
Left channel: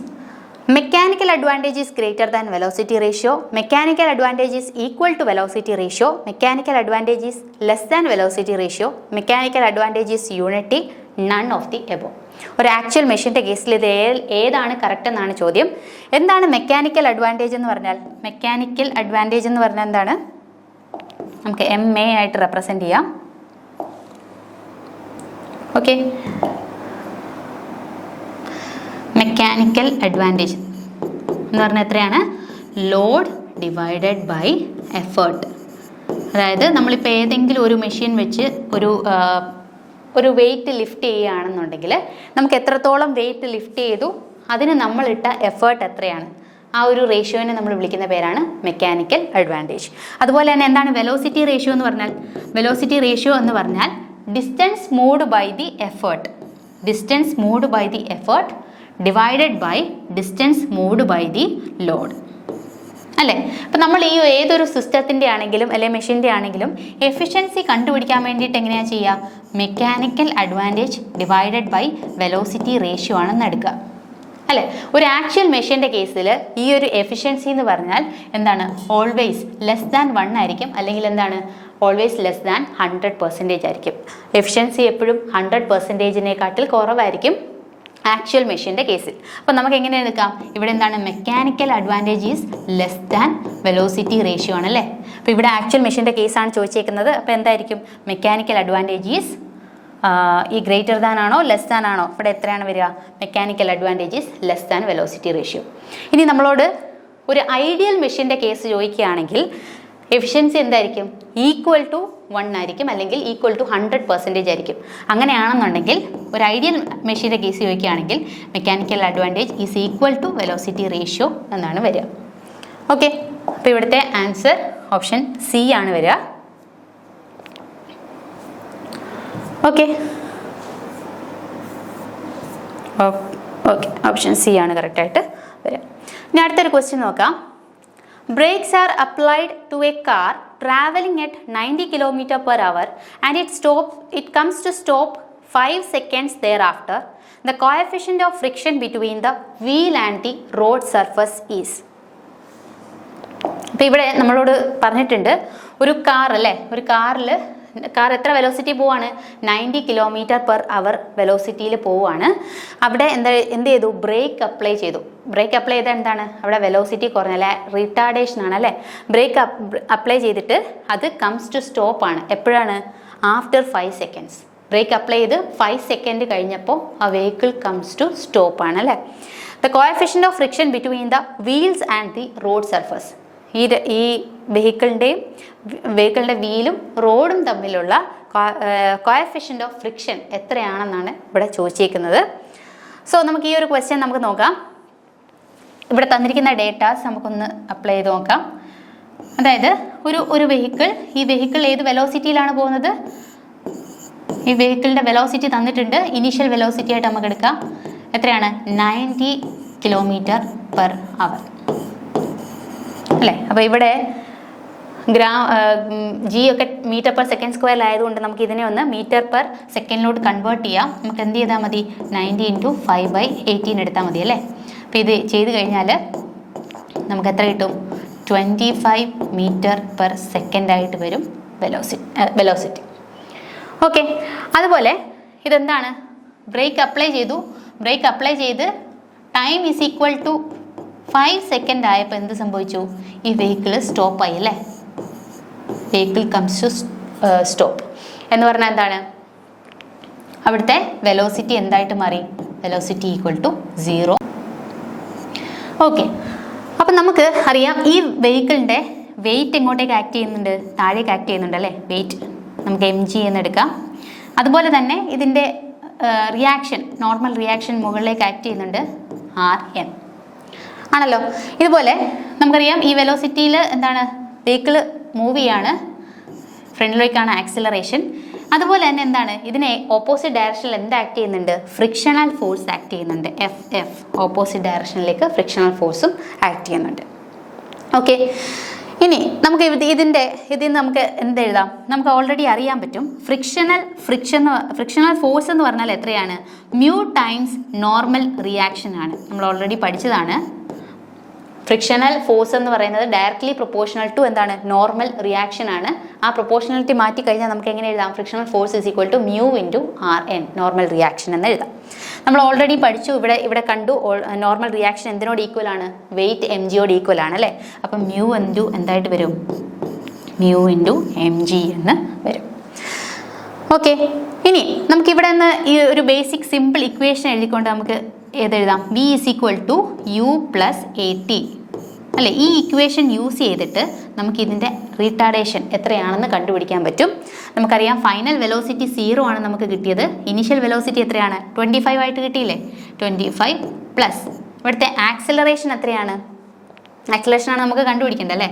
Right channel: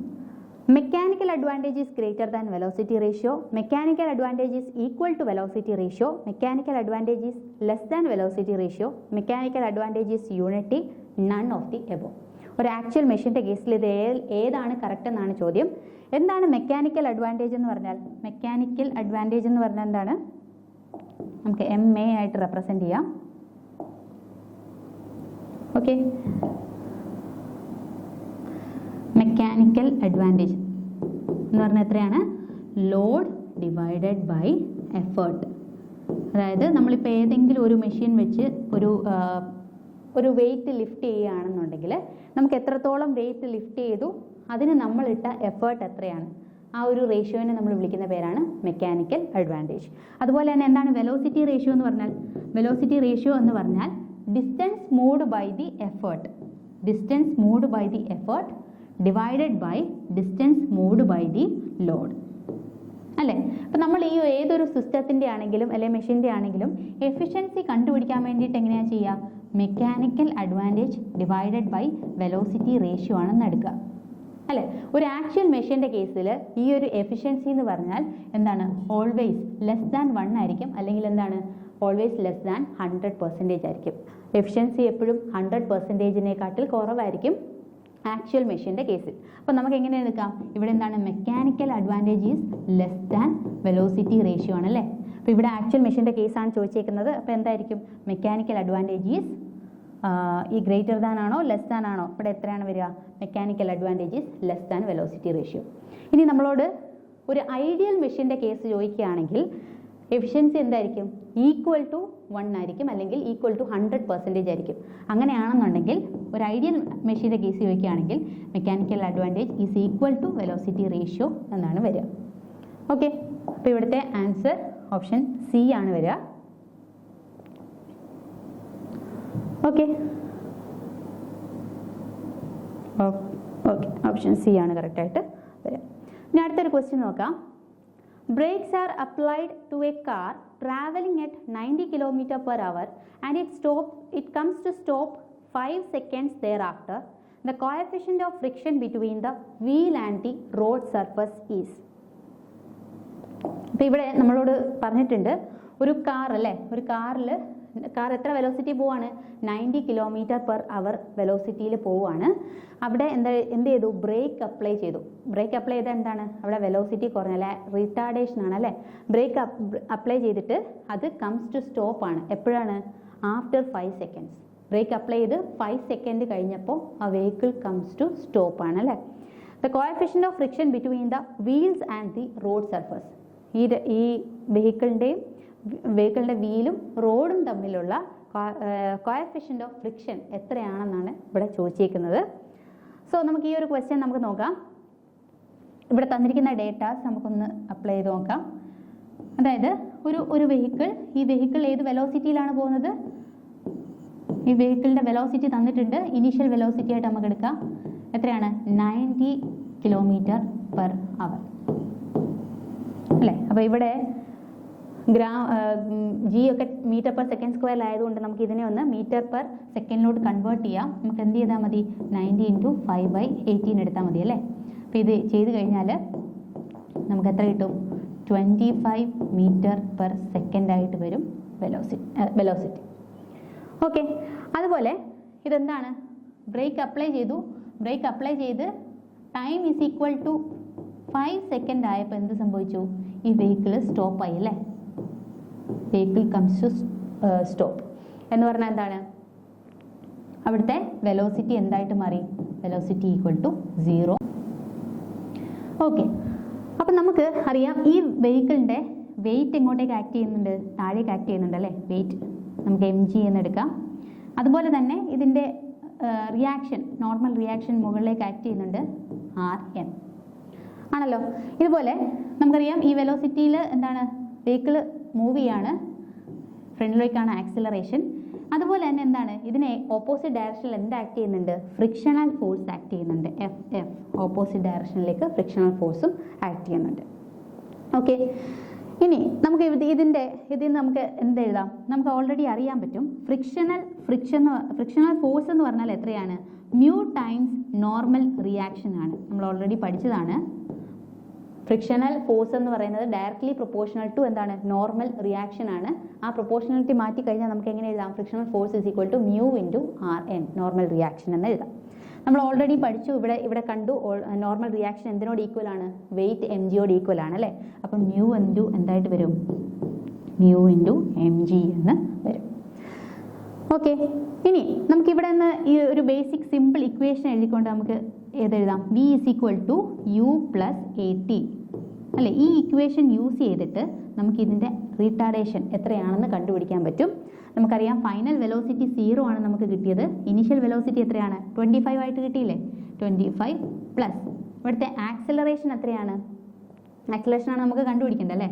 mechanical advantage is greater than velocity ratio, mechanical advantage is equal to velocity ratio, mechanical advantage is less than velocity ratio, mechanical advantage is unity, none of the above. ഒരു actual മെഷീൻ്റെ കേസിൽ ഇത് ഏതാണ് correct എന്നാണ് ചോദ്യം. എന്താണ് mechanical advantage എന്ന് പറഞ്ഞാൽ? മെക്കാനിക്കൽ അഡ്വാൻറ്റേജ് എന്ന് പറഞ്ഞാൽ എന്താണ്? നമുക്ക് MA ആയിട്ട് റെപ്രസെൻ്റ് ചെയ്യാം. ഓക്കെ, മെക്കാനിക്കൽ അഡ്വാൻറ്റേജ് എന്ന് പറഞ്ഞാൽ എത്രയാണ്? Load divided by effort. അതായത് നമ്മളിപ്പോൾ ഏതെങ്കിലും ഒരു മെഷീൻ വെച്ച് ഒരു വെയിറ്റ് ലിഫ്റ്റ് ചെയ്യുകയാണെന്നുണ്ടെങ്കിൽ നമുക്ക് എത്രത്തോളം വെയിറ്റ് ലിഫ്റ്റ് ചെയ്തു അതിന് നമ്മളിട്ട എഫേർട്ട് എത്രയാണ്, ആ ഒരു റേഷ്യോനെ നമ്മൾ വിളിക്കുന്ന പേരാണ് മെക്കാനിക്കൽ അഡ്വാൻറ്റേജ്. അതുപോലെ തന്നെ എന്താണ് വെലോസിറ്റി റേഷ്യോ എന്ന് പറഞ്ഞാൽ? വെലോസിറ്റി റേഷ്യോ എന്ന് പറഞ്ഞാൽ distance moved by the effort, distance moved by the effort divided by distance moved by the load അല്ലേ? അപ്പം നമ്മൾ ഈ ഏതൊരു സിസ്റ്റത്തിൻ്റെ ആണെങ്കിലും അല്ലെങ്കിൽ മെഷീൻ്റെ ആണെങ്കിലും എഫിഷ്യൻസി കണ്ടുപിടിക്കാൻ വേണ്ടിയിട്ട് എങ്ങനെയാണ് ചെയ്യുക? Mechanical advantage divided by velocity ratio ആണെന്ന് എടുക്കുക അല്ലേ? ഒരു ആക്ച്വൽ മെഷീൻ്റെ കേസിൽ ഈ ഒരു എഫിഷ്യൻസി എന്ന് പറഞ്ഞാൽ എന്താണ്? ഓൾവേസ് ലെസ് ദാൻ 1 ആയിരിക്കും, അല്ലെങ്കിൽ എന്താണ്? ഓൾവേസ് ലെസ് ദാൻ 100% ആയിരിക്കും. എഫിഷ്യൻസി എപ്പോഴും 100%-നേക്കാട്ടിൽ കുറവായിരിക്കും ആക്ച്വൽ മെഷീൻ്റെ കേസിൽ. അപ്പോൾ നമുക്ക് എങ്ങനെ എടുക്കാം? ഇവിടെ എന്താണ്? Mechanical advantage is less than velocity ratio ആണല്ലേ? അപ്പോൾ ഇവിടെ ആക്ച്വൽ മെഷീൻ്റെ കേസാണ് ചോദിച്ചേക്കുന്നത്. അപ്പോൾ എന്തായിരിക്കും? മെക്കാനിക്കൽ അഡ്വാൻറ്റേജ് ഈസ് ഈ ഗ്രേറ്റർ ദാൻ ആണോ ലെസ് ദാൻ ആണോ? ഇവിടെ എത്രയാണ് വരിക? Mechanical advantage is less than velocity ratio. ഇനി നമ്മളോട് ഒരു ഐഡിയൽ മെഷീൻ്റെ കേസ് ചോദിക്കുകയാണെങ്കിൽ എഫിഷ്യൻസി എന്തായിരിക്കും? ഈക്വൽ ടു 1 ആയിരിക്കും, അല്ലെങ്കിൽ ഈക്വൽ ടു 100% ആയിരിക്കും. അങ്ങനെയാണെന്നുണ്ടെങ്കിൽ ഒരു ഐഡിയൽ മെഷീൻ്റെ കേസ് ചോദിക്കുകയാണെങ്കിൽ mechanical advantage is equal to velocity ratio എന്നാണ് വരിക. ഓക്കെ, അപ്പോൾ ഇവിടുത്തെ ആൻസർ ഓപ്ഷൻ സി ആണ് വരിക. ഓക്കെ ഓക്കെ, ഓപ്ഷൻ സി ആണ് കറക്റ്റായിട്ട് വരിക. ഇനി അടുത്തൊരു ക്വസ്റ്റ്യൻ നോക്കാം. Brakes are applied to a car traveling at 90 km/h and it comes to stop 5 seconds thereafter. The coefficient of friction between the wheel and the road surface is. അപ്പോൾ ഇവിടെ നമ്മളോട് പറഞ്ഞിട്ടുണ്ട് ഒരു കാർ അല്ലേ, ഒരു കാർ എത്ര velocity പോവാണ്? 90 km/h വെലോസിറ്റിയിൽ പോവുകയാണ്. അവിടെ എന്ത് ചെയ്തു? ബ്രേക്ക് അപ്ലൈ ചെയ്തു. ബ്രേക്ക് അപ്ലൈ ചെയ്താൽ എന്താണ്? അവിടെ വെലോസിറ്റി കുറഞ്ഞല്ലേ, റിട്ടാർഡേഷൻ ആണ് അല്ലേ? ബ്രേക്ക് അപ്ലൈ ചെയ്തിട്ട് അത് കംസ് ടു സ്റ്റോപ്പ് ആണ്. എപ്പോഴാണ്? After 5 seconds. ബ്രേക്ക് അപ്ലൈ ചെയ്ത് 5 seconds കഴിഞ്ഞപ്പോൾ ആ വെഹിക്കിൾ കംസ് ടു സ്റ്റോപ്പ് ആണ് അല്ലേ? The coefficient of friction between the wheels and the road surface. ഈ വെഹിക്കിളിൻ്റെ വീലും റോഡും തമ്മിലുള്ള കോഎഫിഷ്യന്റ് ഓഫ് ഫ്രിക്ഷൻ എത്രയാണെന്നാണ് ഇവിടെ ചോദിച്ചേക്കുന്നത്. സോ നമുക്ക് ഈ ഒരു ക്വസ്റ്റ്യൻ നമുക്ക് നോക്കാം. ഇവിടെ തന്നിരിക്കുന്ന ഡേറ്റാസ് നമുക്കൊന്ന് അപ്ലൈ ചെയ്ത് നോക്കാം. അതായത് ഒരു ഈ വെഹിക്കിൾ ഏത് വെലോസിറ്റിയിലാണ് പോകുന്നത്? ഈ വെഹിക്കിളിൻ്റെ വെലോസിറ്റി തന്നിട്ടുണ്ട്. ഇനീഷ്യൽ വെലോസിറ്റി ആയിട്ട് നമുക്ക് എടുക്കാം. എത്രയാണ്? 90 km/h അല്ലേ? അപ്പോൾ ഇവിടെ ജി ഒക്കെ m/s² ആയതുകൊണ്ട് നമുക്ക് ഇതിനെ ഒന്ന് m/s കൺവേർട്ട് ചെയ്യാം. നമുക്ക് എന്ത് ചെയ്താൽ മതി? 90 × 5/18 എടുത്താൽ മതി അല്ലേ? അപ്പോൾ ഇത് ചെയ്ത് കഴിഞ്ഞാൽ നമുക്ക് എത്ര കിട്ടും? 25 m/s ആയിട്ട് വരും വെലോസിറ്റി. ഓക്കെ, അതുപോലെ ഇതെന്താണ്? ബ്രേക്ക് അപ്ലൈ ചെയ്ത് time is equal to 5 seconds ആയപ്പോൾ എന്ത് സംഭവിച്ചു? ഈ വെഹിക്കിൾ സ്റ്റോപ്പായി അല്ലേ? Vehicle comes to stop. എന്ന് പറഞ്ഞാൽ എന്താണ്? അവിടുത്തെ വെലോസിറ്റി എന്തായിട്ട് മാറി? Velocity equal to 0. ഓക്കെ, അപ്പം നമുക്ക് അറിയാം ഈ വെഹിക്കിളിൻ്റെ വെയിറ്റ് എങ്ങോട്ടേക്ക് ആക്ട് ചെയ്യുന്നുണ്ട്? താഴേക്ക് ആക്ട് ചെയ്യുന്നുണ്ട് അല്ലേ? വെയിറ്റ് നമുക്ക് mg എന്നെടുക്കാം. അതുപോലെ തന്നെ ഇതിൻ്റെ റിയാക്ഷൻ, നോർമൽ റിയാക്ഷൻ മുകളിലേക്ക് ആക്ട് ചെയ്യുന്നുണ്ട് rn ആണല്ലോ. ഇതുപോലെ നമുക്കറിയാം ഈ വെലോസിറ്റിയിൽ എന്താണ്? വെഹിക്കിൾ മൂവ് ചെയ്യാണ്, ഫ്രണ്ടിലേക്കാണ് ആക്സിലറേഷൻ. അതുപോലെ തന്നെ എന്താണ്? ഇതിനെ ഓപ്പോസിറ്റ് ഡയറക്ഷനിൽ എന്ത് ആക്ട് ചെയ്യുന്നുണ്ട്? ഫ്രിക്ഷണൽ ഫോഴ്സ് ആക്ട് ചെയ്യുന്നുണ്ട്. എഫ് ഓപ്പോസിറ്റ് ഡയറക്ഷനിലേക്ക് ഫ്രിക്ഷണൽ ഫോഴ്സും ആക്ട് ചെയ്യുന്നുണ്ട്. ഓക്കെ, ഇനി നമുക്ക് ഇതിൽ നമുക്ക് എന്തെഴുതാം? നമുക്ക് ഓൾറെഡി അറിയാൻ പറ്റും. ഫ്രിക്ഷണൽ ഫോഴ്സ് എന്ന് പറഞ്ഞാൽ എത്രയാണ്? മ്യൂ ടൈംസ് നോർമൽ റിയാക്ഷൻ ആണ്. നമ്മൾ ഓൾറെഡി പഠിച്ചതാണ്. ഫ്രിക്ഷണൽ ഫോഴ്സ് എന്ന് പറയുന്നത് ഡയറക്ട്ലി പ്രൊപ്പോർഷണൽ ടു എന്താണ്? നോർമൽ റിയാക്ഷൻ ആണ്. ആ പ്രൊപ്പോർഷണലിറ്റി മാറ്റി കഴിഞ്ഞാൽ നമുക്ക് എങ്ങനെ എഴുതാം? Frictional force is equal to mu into rn, normal reaction എന്ന് എഴുതാം. നമ്മൾ ഓൾറെഡി പഠിച്ചു, ഇവിടെ കണ്ടു നോർമൽ റിയാക്ഷൻ എന്തിനോട് ഈക്വൽ ആണ്? വെയിറ്റ് mgയോട് ഈക്വൽ ആണ് അല്ലേ? അപ്പം മ്യൂ ഇൻറ്റു എന്തായിട്ട് വരും? മ്യൂ ഇൻറ്റു mg എന്ന് വരും. ഓക്കെ, ഇനി നമുക്കിവിടെ നിന്ന് ഈ ഒരു ബേസിക് സിമ്പിൾ ഇക്വേഷൻ എഴുതിക്കൊണ്ട് നമുക്ക് ഏതെഴുതാം? v is equal to u plus at അല്ലേ? ഈ ഇക്വേഷൻ യൂസ് ചെയ്തിട്ട് നമുക്ക് ഇതിൻ്റെ റീട്ടാർഡേഷൻ എത്രയാണെന്ന് കണ്ടുപിടിക്കാൻ പറ്റും. നമുക്കറിയാം ഫൈനൽ വെലോസിറ്റി 0 ആണ് നമുക്ക് കിട്ടിയത്. ഇനീഷ്യൽ വെലോസിറ്റി എത്രയാണ്? 25 ആയിട്ട് കിട്ടിയില്ലേ? 25 പ്ലസ് ഇവിടുത്തെ ആക്സിലറേഷൻ എത്രയാണ്? ആക്സിലറേഷൻ ആണ് നമുക്ക് കണ്ടുപിടിക്കേണ്ടത് അല്ലേ?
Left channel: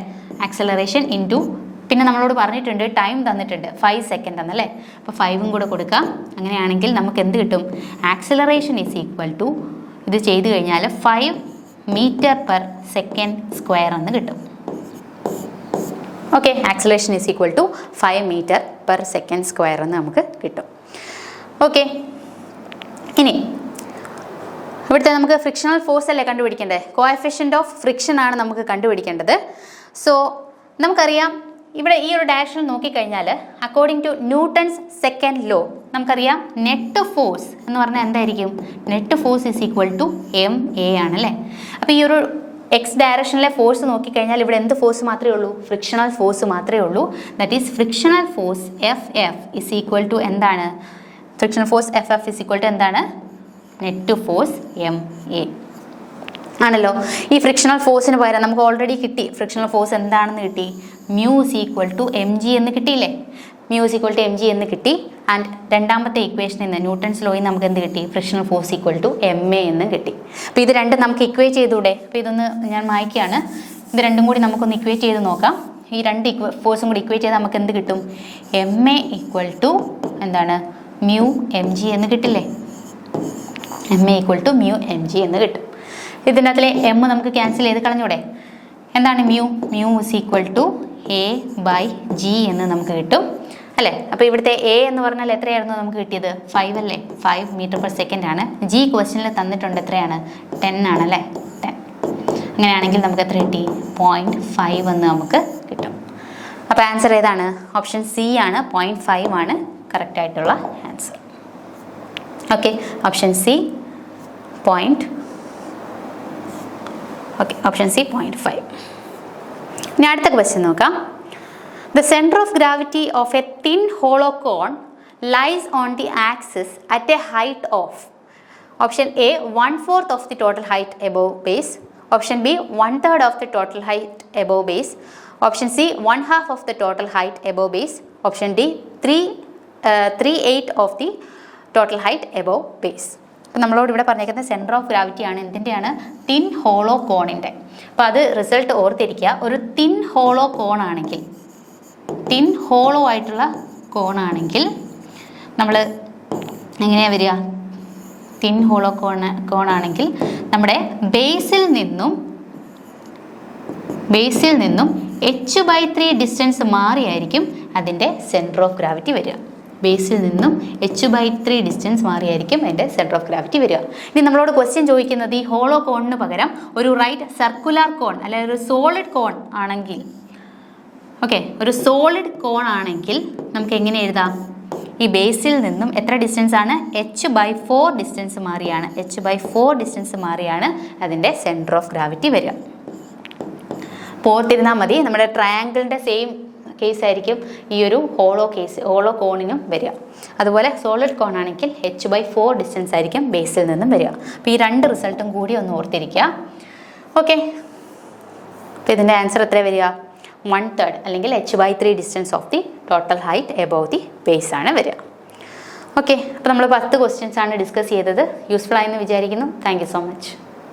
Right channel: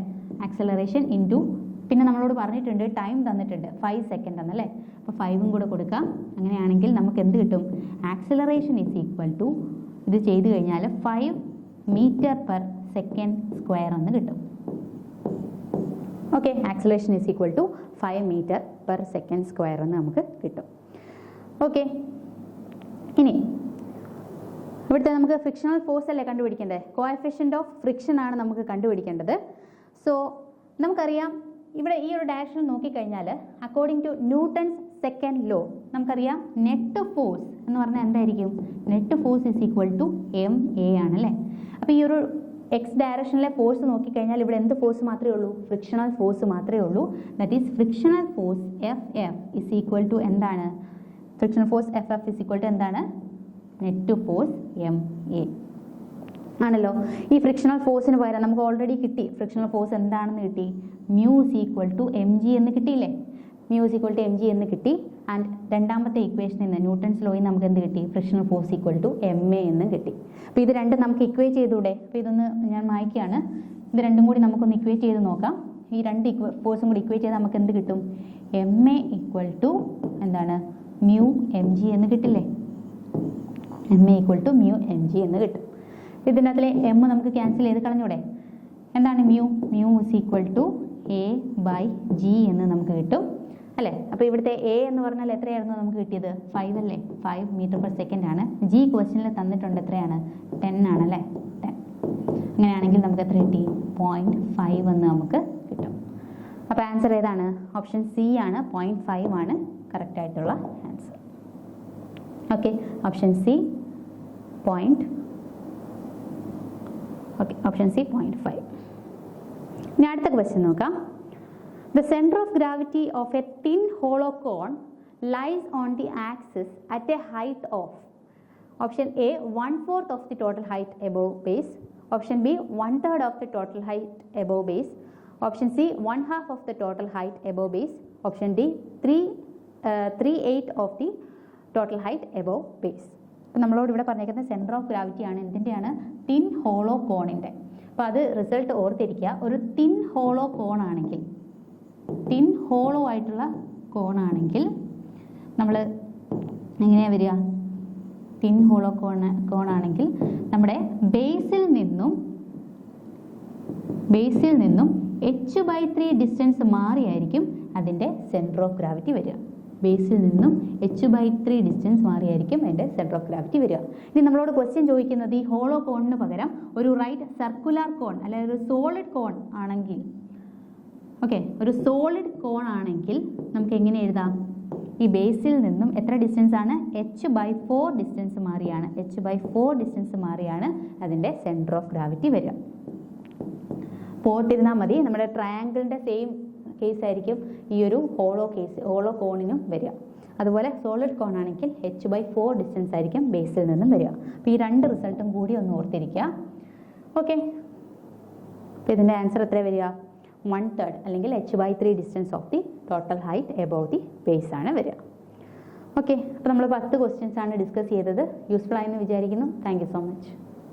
ആക്സിലറേഷൻ ഇൻറ്റു പിന്നെ നമ്മളോട് പറഞ്ഞിട്ടുണ്ട് ടൈം തന്നിട്ടുണ്ട് 5 സെക്കൻഡ് എന്നല്ലേ? അപ്പോൾ 5ഉം കൂടെ കൊടുക്കാം. അങ്ങനെയാണെങ്കിൽ നമുക്ക് എന്ത് കിട്ടും? ആക്സിലറേഷൻ ഈസ് ഈക്വൽ ടു ഇത് ചെയ്ത് കഴിഞ്ഞാൽ 5 മീറ്റർ പെർ സെക്കൻഡ് സ്ക്വയർ എന്ന് കിട്ടും. Okay, acceleration is equal to 5 metre per second square എന്ന് നമുക്ക് കിട്ടും. ഓക്കെ, ഇനി ഇവിടുത്തെ നമുക്ക് ഫ്രിക്ഷണൽ ഫോഴ്സ് അല്ലേ കണ്ടുപിടിക്കേണ്ടത്? കോഎഫിഷ്യൻ്റ് ഓഫ് ഫ്രിക്ഷൻ ആണ് നമുക്ക് കണ്ടുപിടിക്കേണ്ടത്. സോ നമുക്കറിയാം ഇവിടെ ഈ ഒരു ഡയറക്ഷനിൽ നോക്കിക്കഴിഞ്ഞാൽ according to Newton's second law നമുക്കറിയാം നെറ്റ് ഫോഴ്സ് എന്ന് പറഞ്ഞാൽ എന്തായിരിക്കും? Net force is equal to ma ആണല്ലേ? അപ്പോൾ ഈ ഒരു എക്സ് ഡയറക്ഷനിലെ ഫോഴ്സ് നോക്കിക്കഴിഞ്ഞാൽ ഇവിടെ എന്ത് ഫോഴ്സ് മാത്രമേ ഉള്ളൂ? ഫ്രിക്ഷണൽ ഫോഴ്സ് മാത്രമേ ഉള്ളൂ. That is frictional force FF is equal to എന്താണ്? Frictional force FF is equal to എന്താണ്? നെറ്റ് ഫോഴ്സ് ma ആണല്ലോ. ഈ ഫ്രിക്ഷണൽ ഫോഴ്സിന് പകരം നമുക്ക് ഓൾറെഡി കിട്ടി. ഫ്രിക്ഷണൽ ഫോഴ്സ് എന്താണെന്ന് കിട്ടി? Mu is equal to mg എന്ന് കിട്ടിയില്ലേ? Mu is equal to mg എന്ന് കിട്ടി. ആൻഡ് രണ്ടാമത്തെ ഇക്വേഷനിൽ നിന്ന് ന്യൂട്ടൺസ് ലോയിൽ നമുക്ക് എന്ത് കിട്ടി? Frictional force equal to ma എന്ന് കിട്ടി. അപ്പോൾ ഇത് രണ്ടും നമുക്ക് ഇക്വേറ്റ് ചെയ്തൂടെ? അപ്പോൾ ഇതൊന്ന് ഞാൻ മായ്ക്കുകയാണ്. ഇത് രണ്ടും കൂടി നമുക്കൊന്ന് ഇക്വേറ്റ് ചെയ്ത് നോക്കാം. ഈ രണ്ട് ഫോഴ്സും കൂടി ഇക്വേറ്റ് ചെയ്താൽ നമുക്ക് എന്ത് കിട്ടും? ma ഈക്വൽ ടു എന്താണ്? മ്യൂ mg എന്ന് കിട്ടില്ലേ? ma equal to mu mg എന്ന് കിട്ടും. ഇതിനകത്തിലെ m നമുക്ക് ക്യാൻസൽ ചെയ്ത് കളഞ്ഞൂടെ? എന്താണ് mu? Mu is equal to a/g എന്ന് നമുക്ക് കിട്ടും അല്ലേ? അപ്പോൾ ഇവിടുത്തെ a എന്ന് പറഞ്ഞാൽ എത്രയായിരുന്നു നമുക്ക് കിട്ടിയത്? 5 അല്ലേ? 5 മീറ്റർ പെർ സെക്കൻഡ് ആണ്. g ക്വസ്റ്റ്യനിൽ തന്നിട്ടുണ്ട് എത്രയാണ്? 10 ആണല്ലേ? 10. അങ്ങനെയാണെങ്കിൽ നമുക്ക് എത്ര കിട്ടി? 0.5 എന്ന് നമുക്ക് കിട്ടും. അപ്പോൾ ആൻസർ ഏതാണ്? ഓപ്ഷൻ സി ആണ്. 0.5 ആണ് കറക്റ്റ് ആയിട്ടുള്ള answer. Okay, option C option C 0.5. ഇനി അടുത്ത ക്വസ്റ്റ്യൻ നോക്കാം. The center of gravity of a thin hollow cone lies on the axis at a height of option A 1/4 of the total height above base, option B 1/3 of the total height above base, option C 1/2 of the total height above base, option D 3/8 of the total height above base. അപ്പോൾ നമ്മളോട് ഇവിടെ പറഞ്ഞേക്കുന്നത് centre of gravity ആണ്. എന്തിൻ്റെയാണ്? Thin hollow കോണിൻ്റെ. അപ്പോൾ അത് result ഓർത്തിരിക്കുക. ഒരു തിൻ ഹോളോ കോണാണെങ്കിൽ, തിൻ ഹോളോ ആയിട്ടുള്ള കോണാണെങ്കിൽ നമ്മൾ എങ്ങനെയാണ് വരിക? തിൻ ഹോളോ കോണാണെങ്കിൽ നമ്മുടെ ബേസിൽ നിന്നും h/3 ഡിസ്റ്റൻസ് മാറിയായിരിക്കും അതിൻ്റെ സെൻറ്റർ ഓഫ് ഗ്രാവിറ്റി വരിക. ബേസിൽ നിന്നും h/3 ഡിസ്റ്റൻസ് മാറിയായിരിക്കും അതിൻ്റെ സെൻറ്റർ ഓഫ് ഗ്രാവിറ്റി വരിക. ഇനി നമ്മളോട് ക്വസ്റ്റ്യൻ ചോദിക്കുന്നത് ഈ ഹോളോ കോണിന് പകരം ഒരു റൈറ്റ് സർക്കുലർ കോൺ അല്ലെങ്കിൽ ഒരു സോളിഡ് കോൺ ആണെങ്കിൽ, ഓക്കെ, ഒരു സോളിഡ് കോൺ ആണെങ്കിൽ നമുക്ക് എങ്ങനെ എഴുതാം? ഈ ബേസിൽ നിന്നും എത്ര ഡിസ്റ്റൻസ് ആണ്? h/4 ഡിസ്റ്റൻസ് മാറിയാണ്. h/4 ഡിസ്റ്റൻസ് മാറിയാണ് അതിൻ്റെ സെൻറ്റർ ഓഫ് ഗ്രാവിറ്റി വരിക. പോർത്തിരുന്നാൽ മതി. നമ്മുടെ ട്രയാങ്കിളിൻ്റെ സെയിം കേസ് ആയിരിക്കും ഈ ഒരു ഹോളോ കോണിനും വരിക. അതുപോലെ സോളിഡ് കോൺ ആണെങ്കിൽ h/4 ഡിസ്റ്റൻസ് ആയിരിക്കും ബേസിൽ നിന്നും വരിക. അപ്പോൾ ഈ രണ്ട് റിസൾട്ടും കൂടി ഒന്ന് ഓർത്തിരിക്കുക. ഓക്കെ, അപ്പോൾ ഇതിൻ്റെ ആൻസർ എത്ര വരിക? 1/3 അല്ലെങ്കിൽ h/3 distance of the total height above the base ആണ് വരിക. ഓക്കെ, അപ്പോൾ നമ്മൾ 10 ക്വസ്റ്റ്യൻസ് ആണ് ഡിസ്കസ് ചെയ്തത്. യൂസ്ഫുൾ ആയെന്ന് വിചാരിക്കുന്നു. Thank you so much.